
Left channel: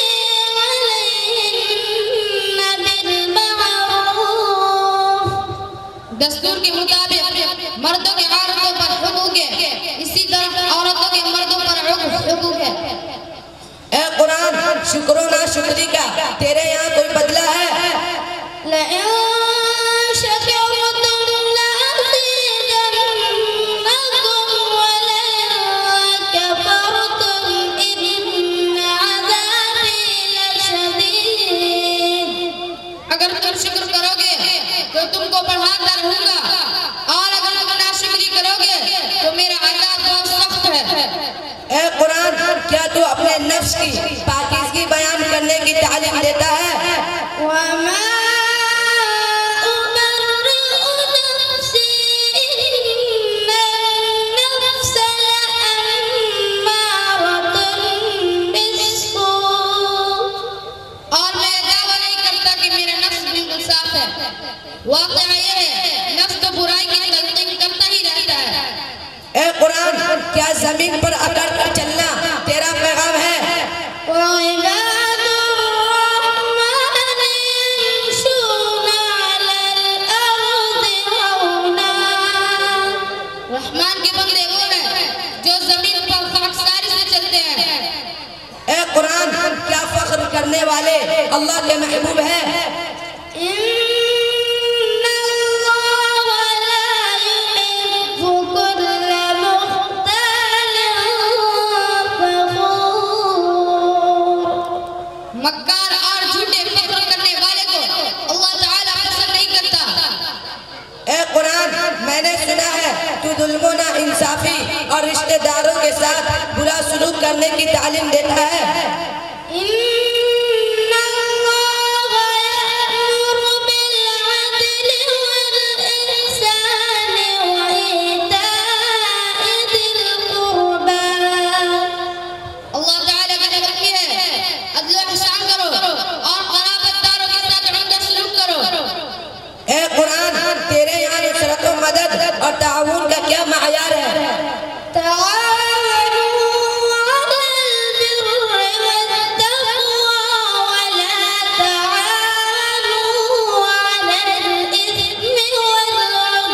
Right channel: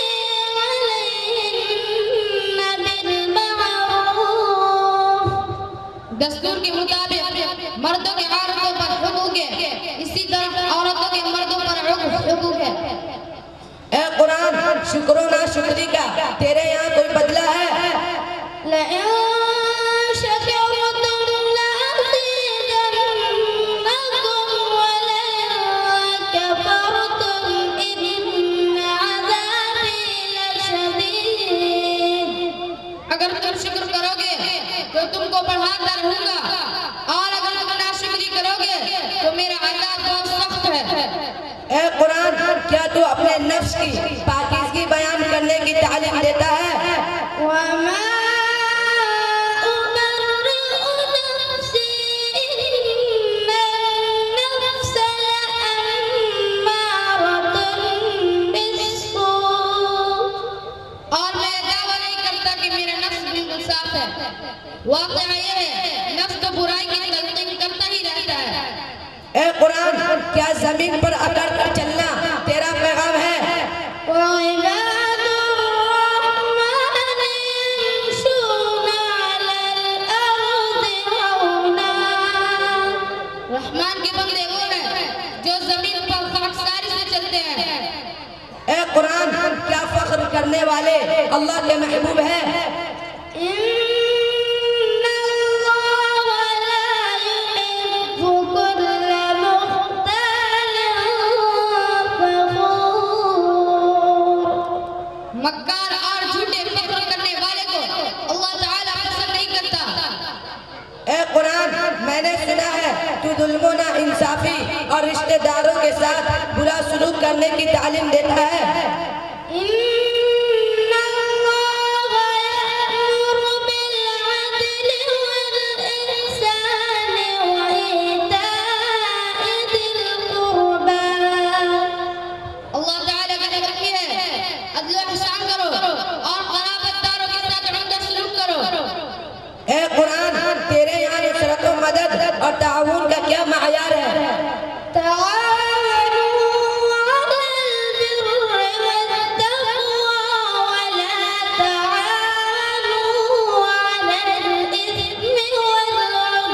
عليهن بالمعروف. دستور کے مطابق مردوں کے عورتوں پر حقوق ہے، اسی طرح عورتوں کے مردوں پر حقوق ہے. اے قرآن، شکر و ناشکری کا تیرے یہاں کوئی بدلہ ہے؟ لئن شكرتم لأزيدنكم ولئن كفرتم إن عذابي لشديد. واقعہ یہ ہے نفس تو برائی کی تلقین کرتا ہی رہتا ہے. اے قرآن کیا زمین پر اکڑ کر چلنا تیرا پیغام ہے؟ وعباد الرحمن يمشون على الأرض هونا. رحمان کے بندے وہ ہیں جو زمین پر خاکساری سے چلتے ہیں. اے قرآن کیا فخر کرنے والے اللہ کے محبوب ہیں؟ إن الله لا يحب كل مختال فخور. مکار اور جھوٹے فخر کرنے والے کو اللہ تعالیٰ پسند نہیں کرتا. اے قرآن میں نے سنا ہے تو ظلم و ناانصافی اور رشتہ داروں کے ساتھ برا سلوک کرنے کی تعلیم دیتا ہے. إن الله يأمر بالعدل والإحسان وإيتاء ذي القربى. اللہ تعالیٰ کا حکم یہ ہے عدل و احسان کرو اور قرابت داروں کے ساتھ عمدہ سلوک کرو. اے قرآن تیرے یہاں نصرت و مدد اور تعاون کا کیا معیار ہے؟ تعاونوا على البر والتقوى ولا تعاونوا على الإثم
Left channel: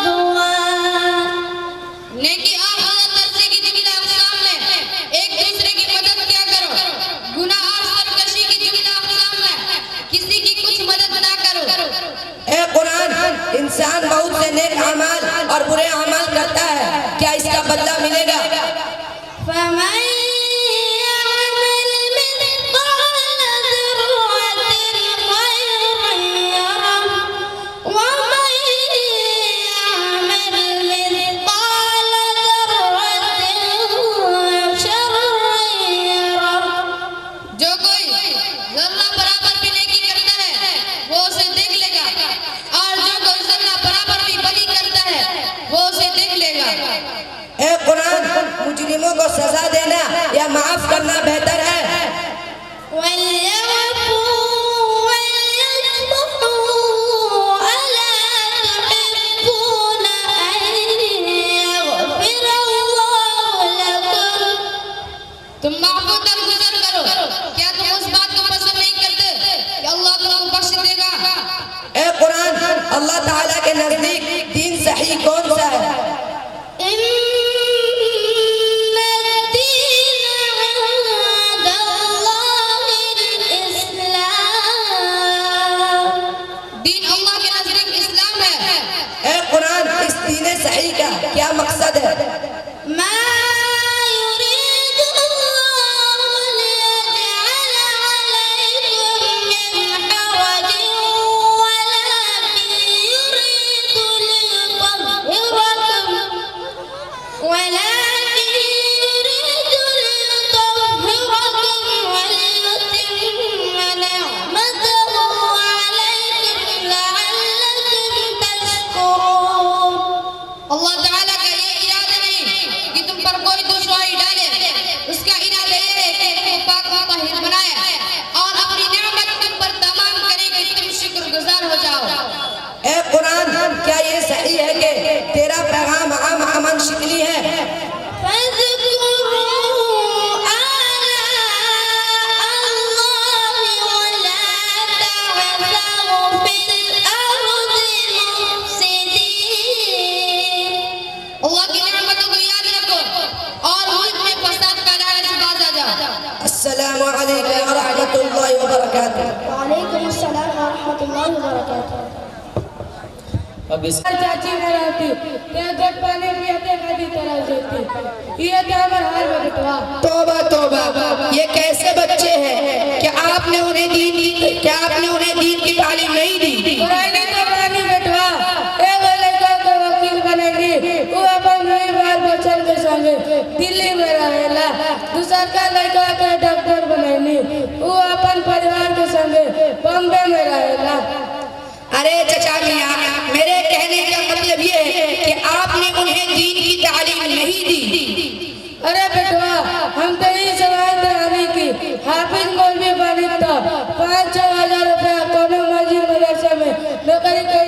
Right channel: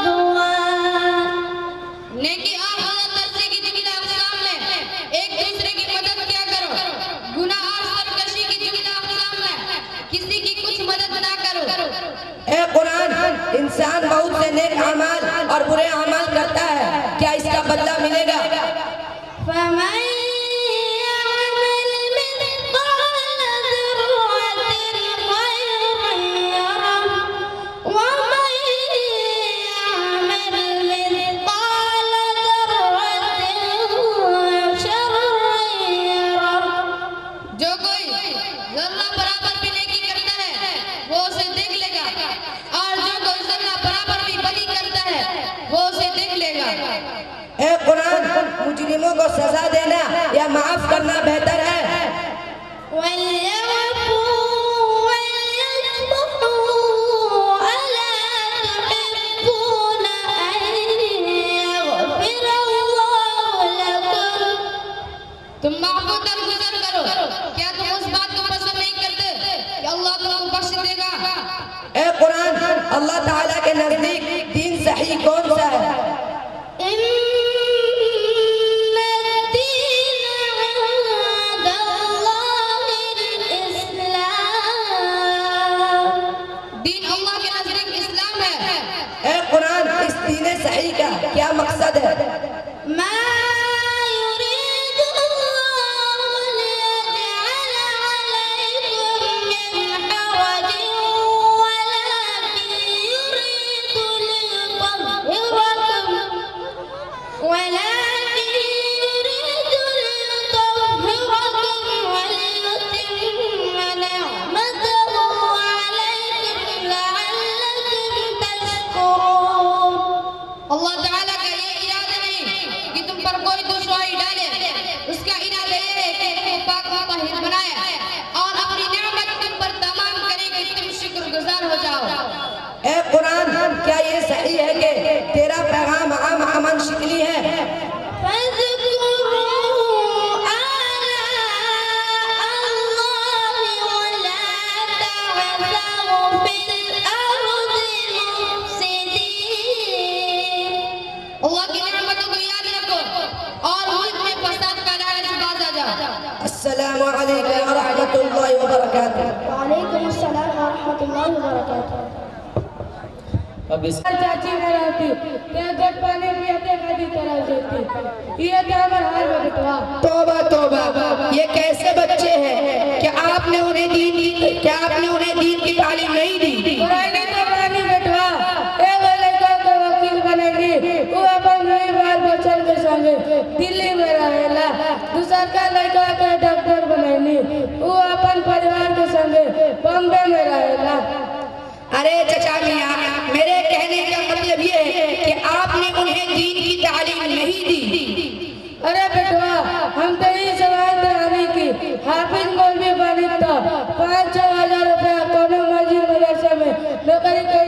والعدوان. نیکی اور مدد درجے کی جملہ اقسام میں ایک دوسرے کی مدد کیا کرو. گناہ اور سرکشی کی جملہ اقسام میں کسی کی کچھ مدد نہ کرو. اے قرآن انسان بہت سے نیک اعمال اور برے اعمال کرتا ہے، کیا اس کا بدلہ ملے گا؟ فمن يعمل مثقال ذرة خيرا يره ومن يعمل مثقال ذرة شرا يره. جو کوئی ذرہ برابر بھی نیکی کرتا ہے وہ اسے دیکھ لے گا اور جو کوئی ذرہ برابر بھی بدی کرتا ہے وہ اسے دیکھ لے گا. اے قرآن مجرموں کو سزا دینا یا معاف کرنا بہتر ہے؟ وليعفوا وليصفحوا ألا تحبون أن يغفر الله لكم. تم معفو درگزر کرو. کیا تم اس بات کو پسند نہیں کرتے کہ اللہ تم کو بخش دے گا؟ اے قرآن اللہ تعالیٰ کے نزدیک دین صحیح کون سا ہے؟ إن الدين عند الله الإسلام. دین اللہ کے نزدیک اسلام ہے. اے قرآن اس دین صحیح کا کیا مقصد ہے؟ ما يريد الله ليجعل عليكم من حرج ولكن يريد ليطهركم وليتم نعمته عليكم لعلكم تشكرون. اللہ تعالیٰ کا یہ ارادہ نہیں کہ تم پر کوئی دشواری ڈالے. اس کا ارادہ یہ ہے کہ تم پاک و طاہر بنائے اور اپنی نعمت تم پر تمام کرے کہ تم شکر گزار ہو جاؤ. اے قرآن کیا یہ صحیح ہے کہ تیرا پیغام عام امن شکلی ہے؟ فاذكروا آلاء الله ولا تعثوا في الأرض مفسدين. اللہ کی نعمتوں کو یاد رکھو اور ملک میں فساد پھیلانے سے باز آ جاؤ. السلام علیکم ورحمۃ اللہ وبرکاتہ. وعليكم السلام ورحمة الله وبركاته. اب اس چاچی نہ رہتی یا جگ پانے بھی اپنے خادی طرح جیتی. یہ کیا ہمارا حال ہے بٹوا. توبہ توبہ یہ کیسے بچے ہیں کہ آپ نے انہیں دین کی تعلیم نہیں دی؟ قرآن تو قرآن بٹوا. اے وہ لڑکا کو وکیل بنے گی وہ اپن نئی بار بچن کے سنگے دلی میں رہے لا. دوسرا کا لڑکا کو ڈاکٹر بنے گی وہ اپن پریوار کے سنگے بمبے میں رہے لا. ارے چچا میاں میرے کہنے کا مطلب یہ ہے کہ آپ نے انہیں دین کی تعلیم نہیں دی. ارے بیٹوا ہم تو یہ سوال درانے کی حافظ مولوی بنی تھا 5,000 روپے کونوں مسجد مدرسے میں نوکری کر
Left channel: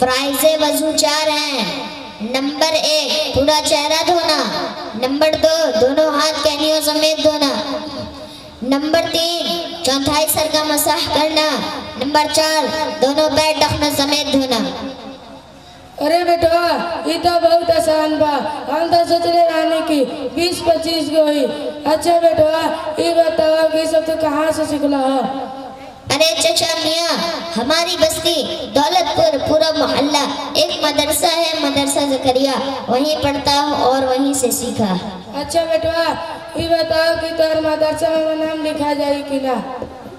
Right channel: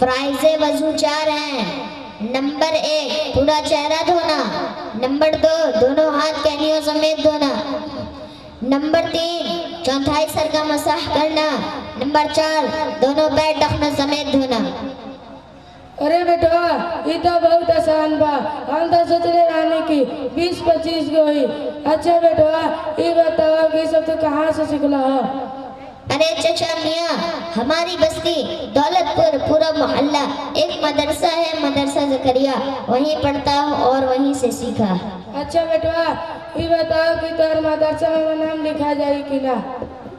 فرائض وضو 4 ہیں. نمبر 1 پورا چہرہ دھونا. نمبر 2 دونوں ہاتھ کہنیوں سمیت دھونا. نمبر 3 چوتھائی سر کا مسح کرنا. نمبر 4 دونوں پیر ٹخنے سمیت دھونا. ارے بیٹا یہ تو بہت آسان با. ہم تو سوچ رہے آنے کی 20-25 گوئی. اچھا بیٹا یہ بتاؤ کہ سب تو کہاں سے سکھلا ہو؟ ارے چچا میاں ہماری بستی دولت پور پورا محلہ ایک مدرسہ ہے مدرسہ زکریا وہیں پڑھتا ہوں اور وہیں سے سیکھا. اچھا بیٹا یہ بتاؤ کہ تمہارے مدرسہ میں نام لکھا جائے کہ نہ؟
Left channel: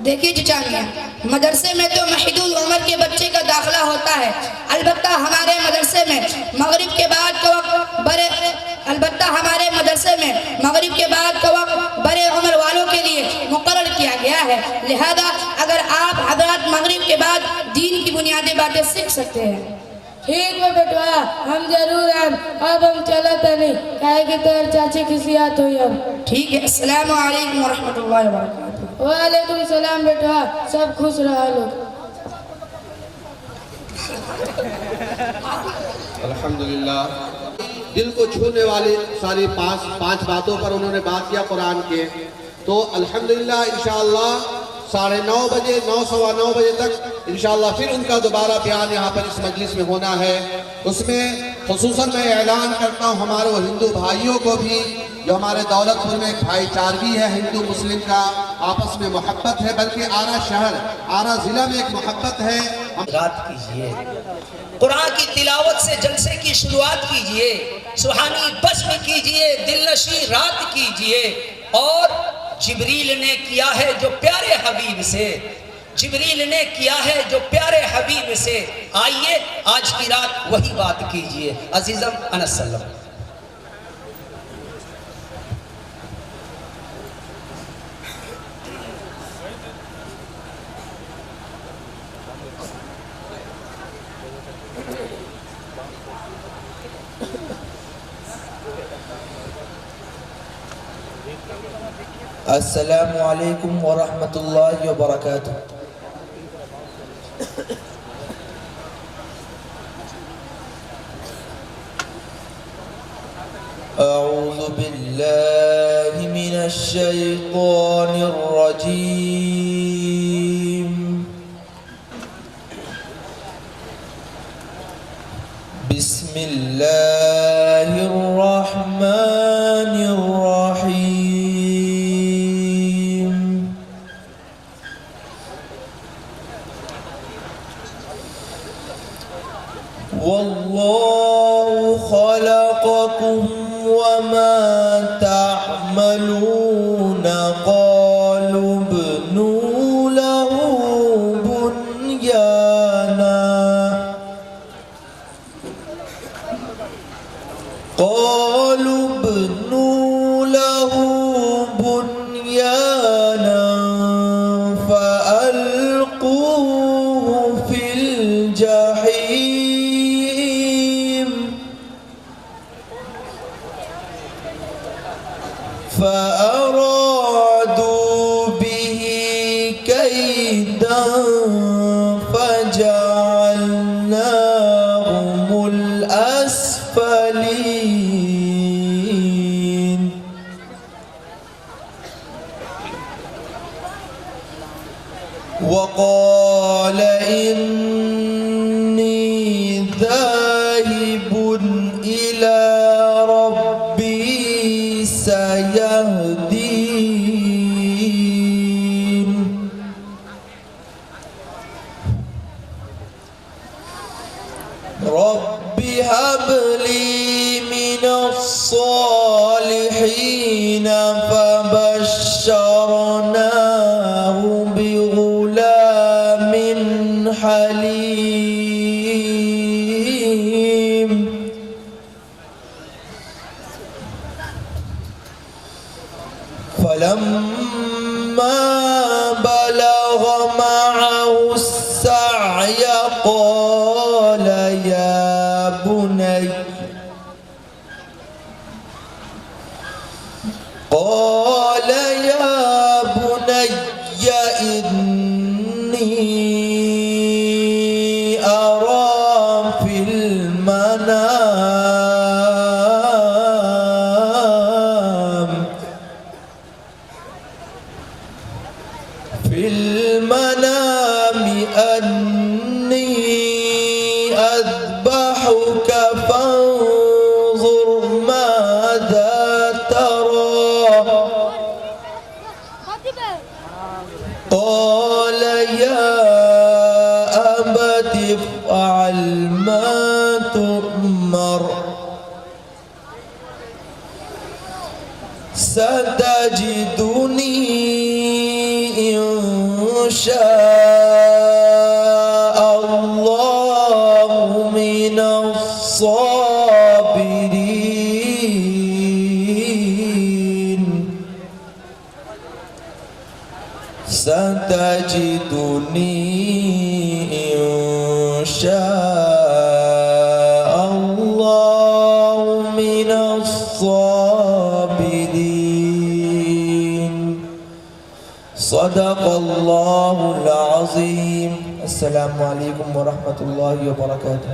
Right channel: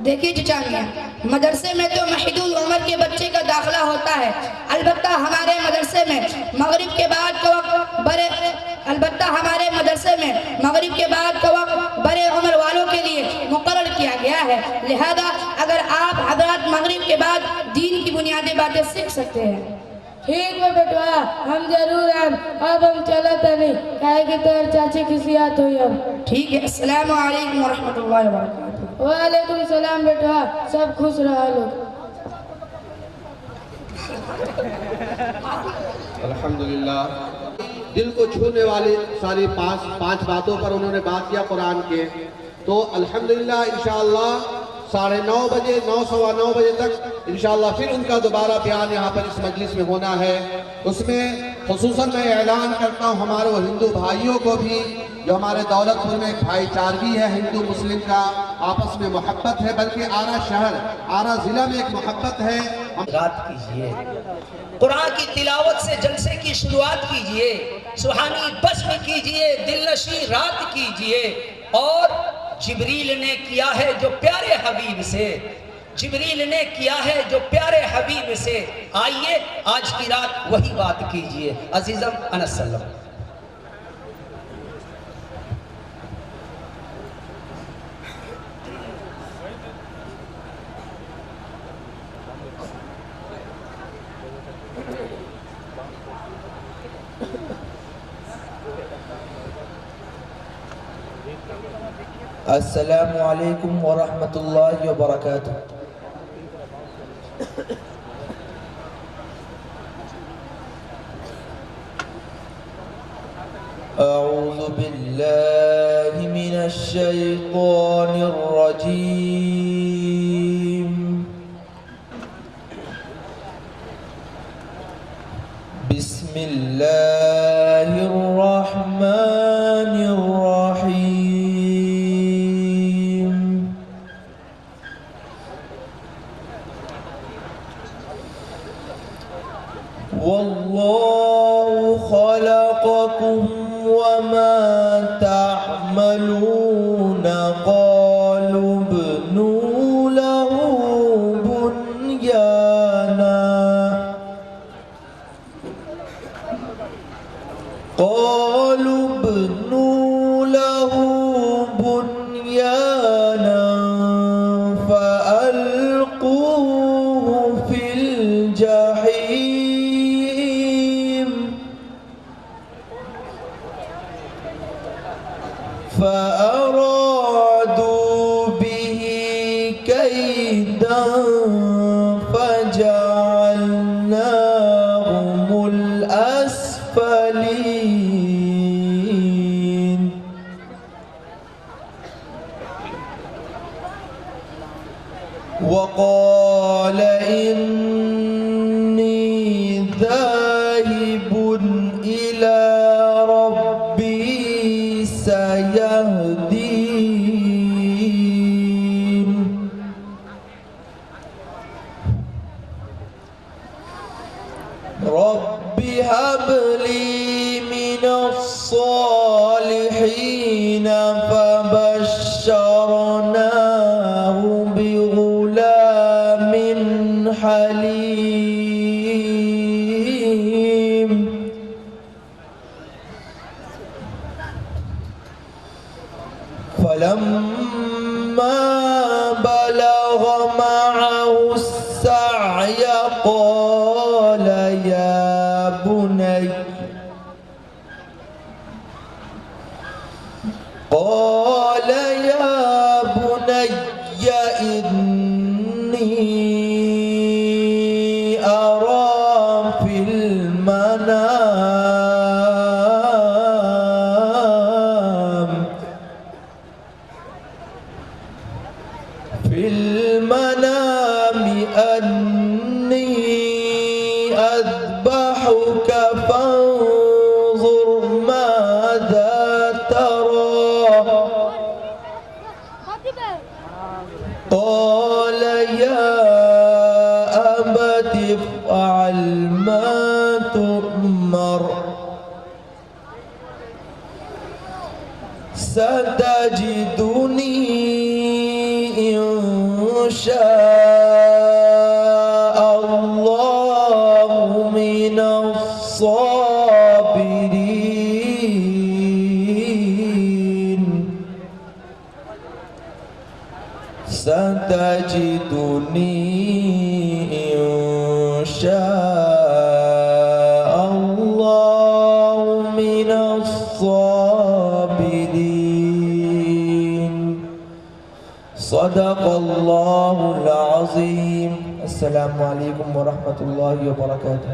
دیکھیے چچا میاں مدرسے میں تو محدود عمر کے بچے کا داخلہ ہوتا ہے. البتہ ہمارے مدرسے میں مغرب کے بعد کا وقت بڑے عمر والوں کے لیے مقرر کیا گیا ہے. لہذا اگر آپ حضرات مغرب کے بعد دین کی بنیادی باتیں سیکھ سکتے ہیں. ٹھیک ہے بیٹا ہم ضرور ہیں. اب ہم چلتا نہیں کہے کہ تیر چاچی کی سیاحت ہوئی. اب ٹھیک ہے. السلام علیکم ورحمۃ اللہ وبرکاتہ. وعلیکم السلام بیٹا سب خوش رہا لوگ. الحمدللہ دل کو چھونے والے ساری پانچ باتوں پر انہوں نے بات کیا قرآن کے. تو الحمدللہ انشاءاللہ 9:30 بجے 9:15 بجے تک انشاءاللہ پھر ان کا دوبارہ بیان یہاں پر اس مجلس میں ہونا ہے. اس میں خصوصاً میں اعلان کرتا ہوں ہمارے وہ ہندو بھائیوں کو بھی جو ہمارے دولت پور میں ایک بھائی چارگی ہے ہندو مسلم کا آپس میں محبت ہے بلکہ آرا شہر آرا ضلع میں ایک محبت ہے. رات کیجئے قرآن کی تلاوت سے جلسے کی شروعات کیجئے. سبحانی بسم کیجئے دلنشیں رات کیجئے. اور جبریل نے کیا ہے جو پیارے حبیب سے آئیے آج کی رات وہی بات کیجئے. عزیزم انس سلم. السلام علیکم ورحمۃ اللہ وبرکاتہ. اعوذ باللہ من الشیطان الرجیم. بسم اللہ الرحمن الرحیم. واللہ خلقکم وما تعملون. قالوا ابنوا له بنيانا فألقوه في الجحيم فأرادوا به كيدا فجعلناهم الأسفلين. وقال إني ذاهب إلى ربي سيهدين. رب هب لي من الصالحين. فبشرناه بغلام حليم. فلما بلغ معه السعي قال يا بني إني أرى المنام أني أذبحك فانظر ماذا ترى قال يا أبت افعل ما تؤمر ستجدني إن شاء الله من الصابرين ستجدني إن شاء الله من الصابرين صدق الله العظيم. السلام عليكم ورحمة الله وبركاته.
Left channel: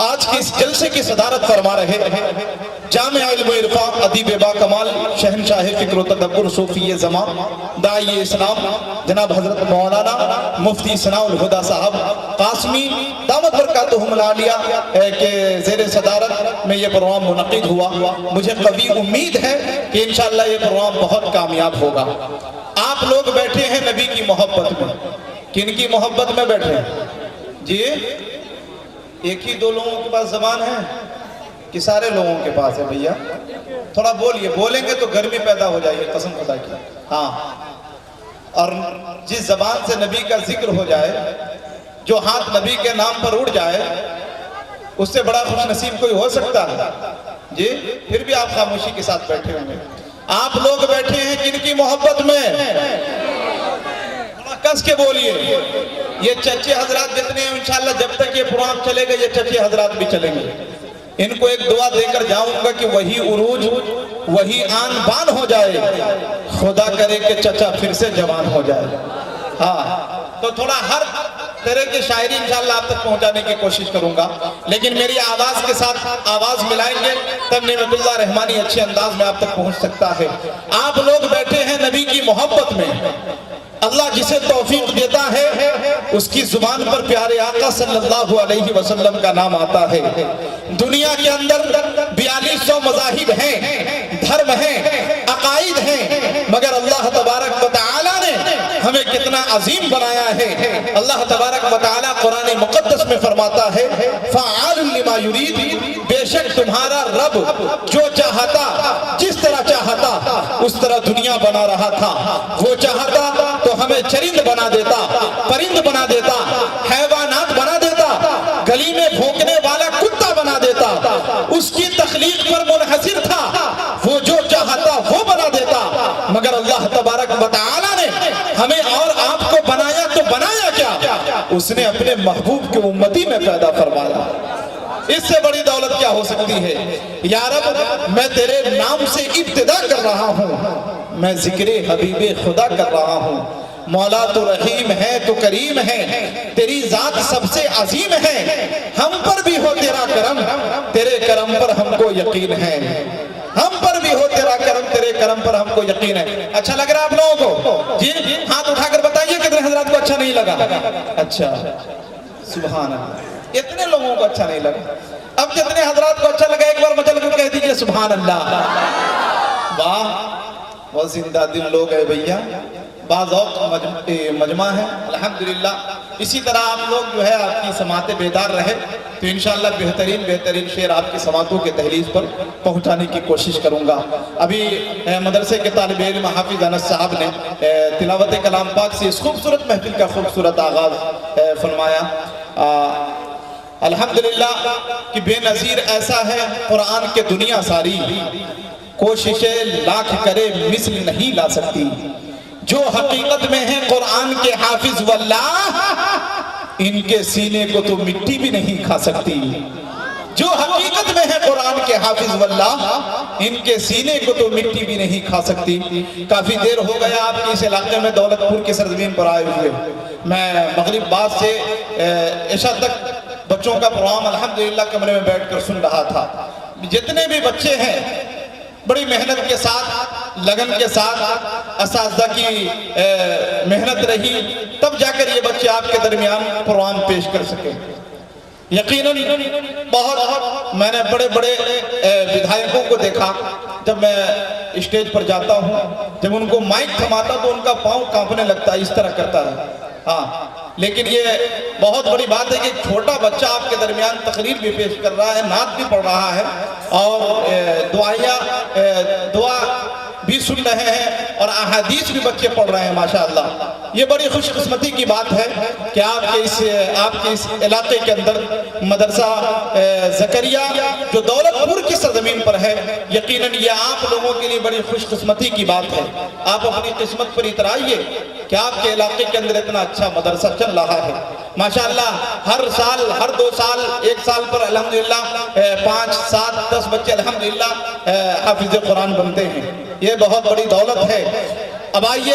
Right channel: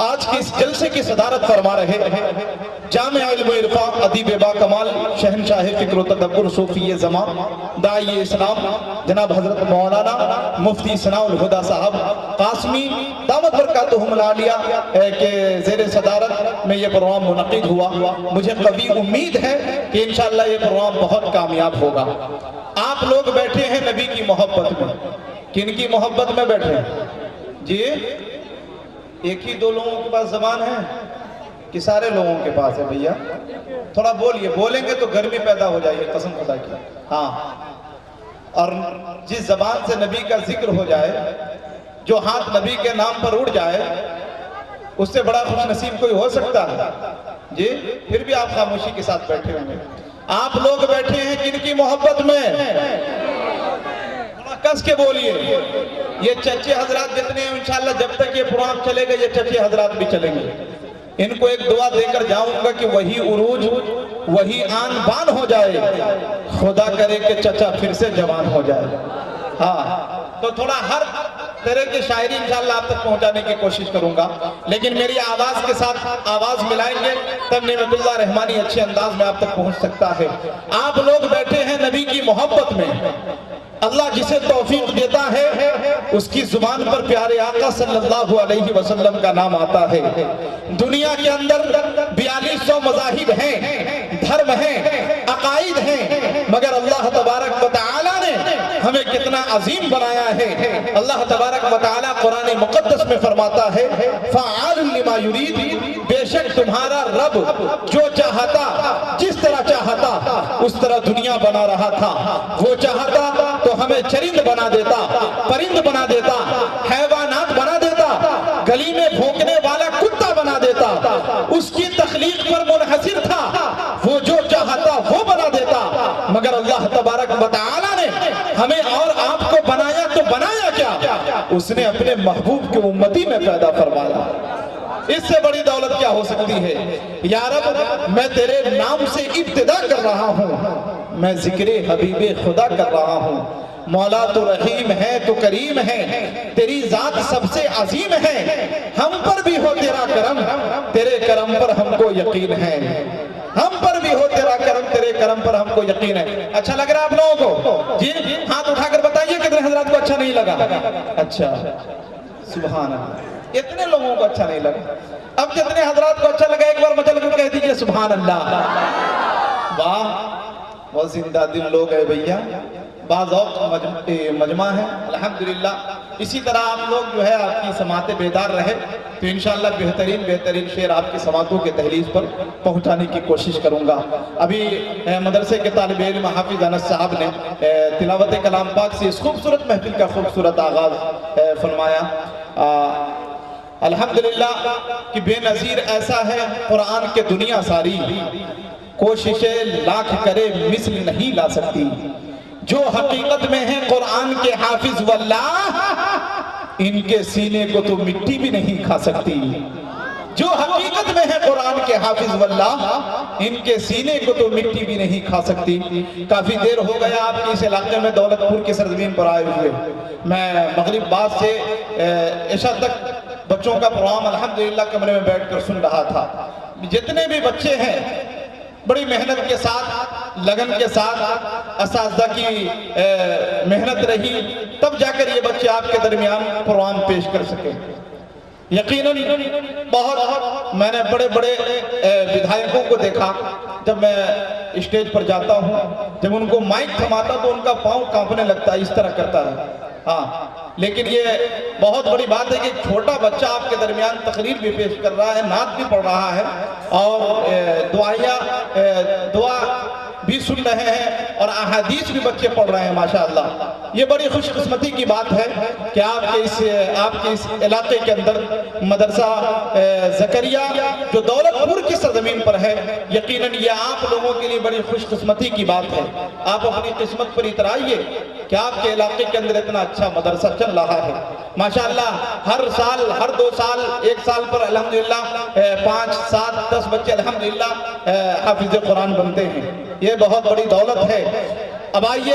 آج کی اس جلسے کی صدارت فرما رہے جامع علم و عرفان ادیب با کمال شہنشاہ فکر و تدبر صوفی زمان داعی اسلام جناب حضرت مولانا مفتی ثناء الہدیٰ صاحب قاسمی دامت برکاتہم العالیہ کے زیر صدارت میں یہ پروگرام منعقد ہوا. مجھے قوی امید ہے کہ انشاءاللہ یہ پروگرام بہت کامیاب ہوگا. آپ لوگ بیٹھے ہیں نبی کی محبت میں. کن کی محبت میں بیٹھے ہیں جی؟ ایک ہی دو لوگوں کے پاس زبان ہے کہ سارے لوگوں کے پاس ہے؟ بھیا تھوڑا بولیے, بولیں گے تو گرمی پیدا ہو جائے گی, قسم خدا کی. ہاں, اور جس زبان سے نبی کا ذکر ہو جائے, جو ہاتھ نبی کے نام پر اڑ جائے, اس سے بڑا خوش نصیب کوئی ہو سکتا ہے جی؟ پھر بھی آپ خاموشی کے ساتھ بیٹھے ہوں گے. آپ لوگ بیٹھے ہیں کن کی محبت میں؟ کس کے بولیے. یہ چچے حضرات جتنے ہیں انشاءاللہ جب تک یہ پروگرام چلے گا یہ چچے حضرات بھی چلیں گے. ان کو ایک دعا دے کر جاؤں گا کہ وہی عروج وہی آن بان ہو جائے, خدا کرے کہ چچا پھر سے جوان ہو جائے. ہاں, تو تھوڑا ہر طرح کی شاعری انشاءاللہ آپ تک پہنچانے کی کوشش کروں گا, لیکن میری آواز کے ساتھ آواز ملائیں گے تب نعمت اللہ رحمانی اچھے انداز میں آپ تک پہنچ سکتا ہے. آپ لوگ بیٹھے ہیں نبی کی محبت میں. اللہ جسے توفیق دیتا ہے اس کی زبان پر پیارے آقا صلی اللہ علیہ وسلم کا نام آتا ہے. دنیا کے اندر 4200 مذاہب ہیں, دھرم ہیں, عقائد ہیں, مگر اللہ تبارک و تعالی نے ہمیں کتنا عظیم بنایا ہے. اللہ تبارک و تعالی قرآن مقدس میں فرماتا ہے فعال لما یرید, بے شک تمہارا رب جو چاہتا جس طرح چاہتا اس طرح دنیا بنا رہا تھا. وہ چاہتا تو ہمیں چرند بنا دیتا, پرند بنا دیتا, حیوانات بنا دیتا, گلی میں بھونکنے والا کتا بنا دیتا. اس کی تخلیق پر منحصر تھا, وہ جو چاہتا وہ بنا دیتا. مگر اللہ تبارک و تعالی نے ہمیں اور آپ کو بنایا تو بنایا کیا؟ اس نے اپنے محبوب کے امتی میں پیدا فرمایا. اس سے بڑی دولت کیا ہو سکتی ہے؟ یا رب میں تیرے نام سے ابتدا کر رہا ہوں, میں ذکر حبیب خدا کر رہا ہوں. مولا تو رحیم ہے, تو کریم ہے, تیری ذات سب سے عظیم ہے. ہم پر بھی ہو تیرا کرم, تیرے کرم پر ہم کو یقین ہے. ہم پر بھی ہو تیرا کرم, تیرے کرم پر ہم کو یقین ہے. اچھا لگ رہا ہے آپ لوگوں کو جی؟ ہاتھ اٹھا کر بتائیے کتنے حضرات کو اچھا نہیں لگا. اچھا, سبحان اللہ, اتنے لوگوں کو اچھا نہیں لگا. اب جتنے حضرات کو اچھا لگا ایک بار مچل کر کہہ دیجئے سبحان اللہ. واہ, بہت زندہ دل لوگ ہے بھیا, باذوق مجمع ہے الحمدللہ. اسی طرح آپ لوگ جو ہے آپ کی سماعتیں بیدار رہے تو انشاءاللہ بہترین شعر آپ کی سماعتوں کے دہلیز پر پہنچانے کی کوشش کروں گا. ابھی مدرسے کے طالب علم حافظ انس صاحب نے تلاوت کلام پاک سے اس خوبصورت محفل کا خوبصورت آغاز فرمایا. الحمدللہ کہ بے نظیر ایسا ہے قرآن کے دنیا ساری, کوششیں لاکھ کرے مثل نہیں لا سکتی. جو حقیقت میں ہے قرآن کے حافظ واللہ, ان کے سینے کو تو مٹی بھی نہیں کھا سکتی. جو حقیقت میں ہے قرآن کے حافظ واللہ, ان کے سینے کو تو مٹی بھی نہیں کھا سکتی. کافی دیر ہو گیا آپ کے اس علاقے میں دولت پور کی سرزمین پر آئے ہوئے. میں مغرب بعد سے عشاء تک بچوں کا پروگرام الحمدللہ کمرے میں بیٹھ کر سن رہا تھا. جتنے بھی بچے ہیں بڑی محنت کے ساتھ, لگن کے ساتھ, اساتذہ کی محنت رہی تب جا کر یہ بچے آپ کے درمیان پروگرام پیش کر سکے. یقیناً بہت میں نے بڑے بدھائکوں کو دیکھا جب میں اسٹیج پر جاتا ہوں, جب ان کو مائک تھماتا تو ان کا پاؤں کانپنے لگتا ہے, اس طرح کرتا ہے. ہاں, لیکن یہ بہت بڑی بات ہے کہ چھوٹا بچہ آپ کے درمیان تقریر بھی پیش کر رہا ہے, نعت بھی پڑھ رہا ہے اور دعا بھی سن رہے ہیں اور احادیث بھی بچے پڑھ رہے ہیں ماشاءاللہ. یہ بڑی خوش قسمتی کی بات ہے کہ آپ کے اس علاقے کے اندر مدرسہ زکریا جو دولت پور کی سرزمین پر ہے, یقیناً یہ آپ لوگوں کے لیے بڑی خوش قسمتی کی بات ہے. آپ اپنی قسمت پر اترائیے کہ آپ کے علاقے کے اندر اتنا اچھا مدرسہ چل رہا ہے ماشاءاللہ. ہر سال, ہر 2 سال, 1 سال پر الحمدللہ 5, 7, 10 بچے الحمدللہ حافظ قرآن بنتے ہیں. یہ بہت بڑی دولت ہے. اب آئیے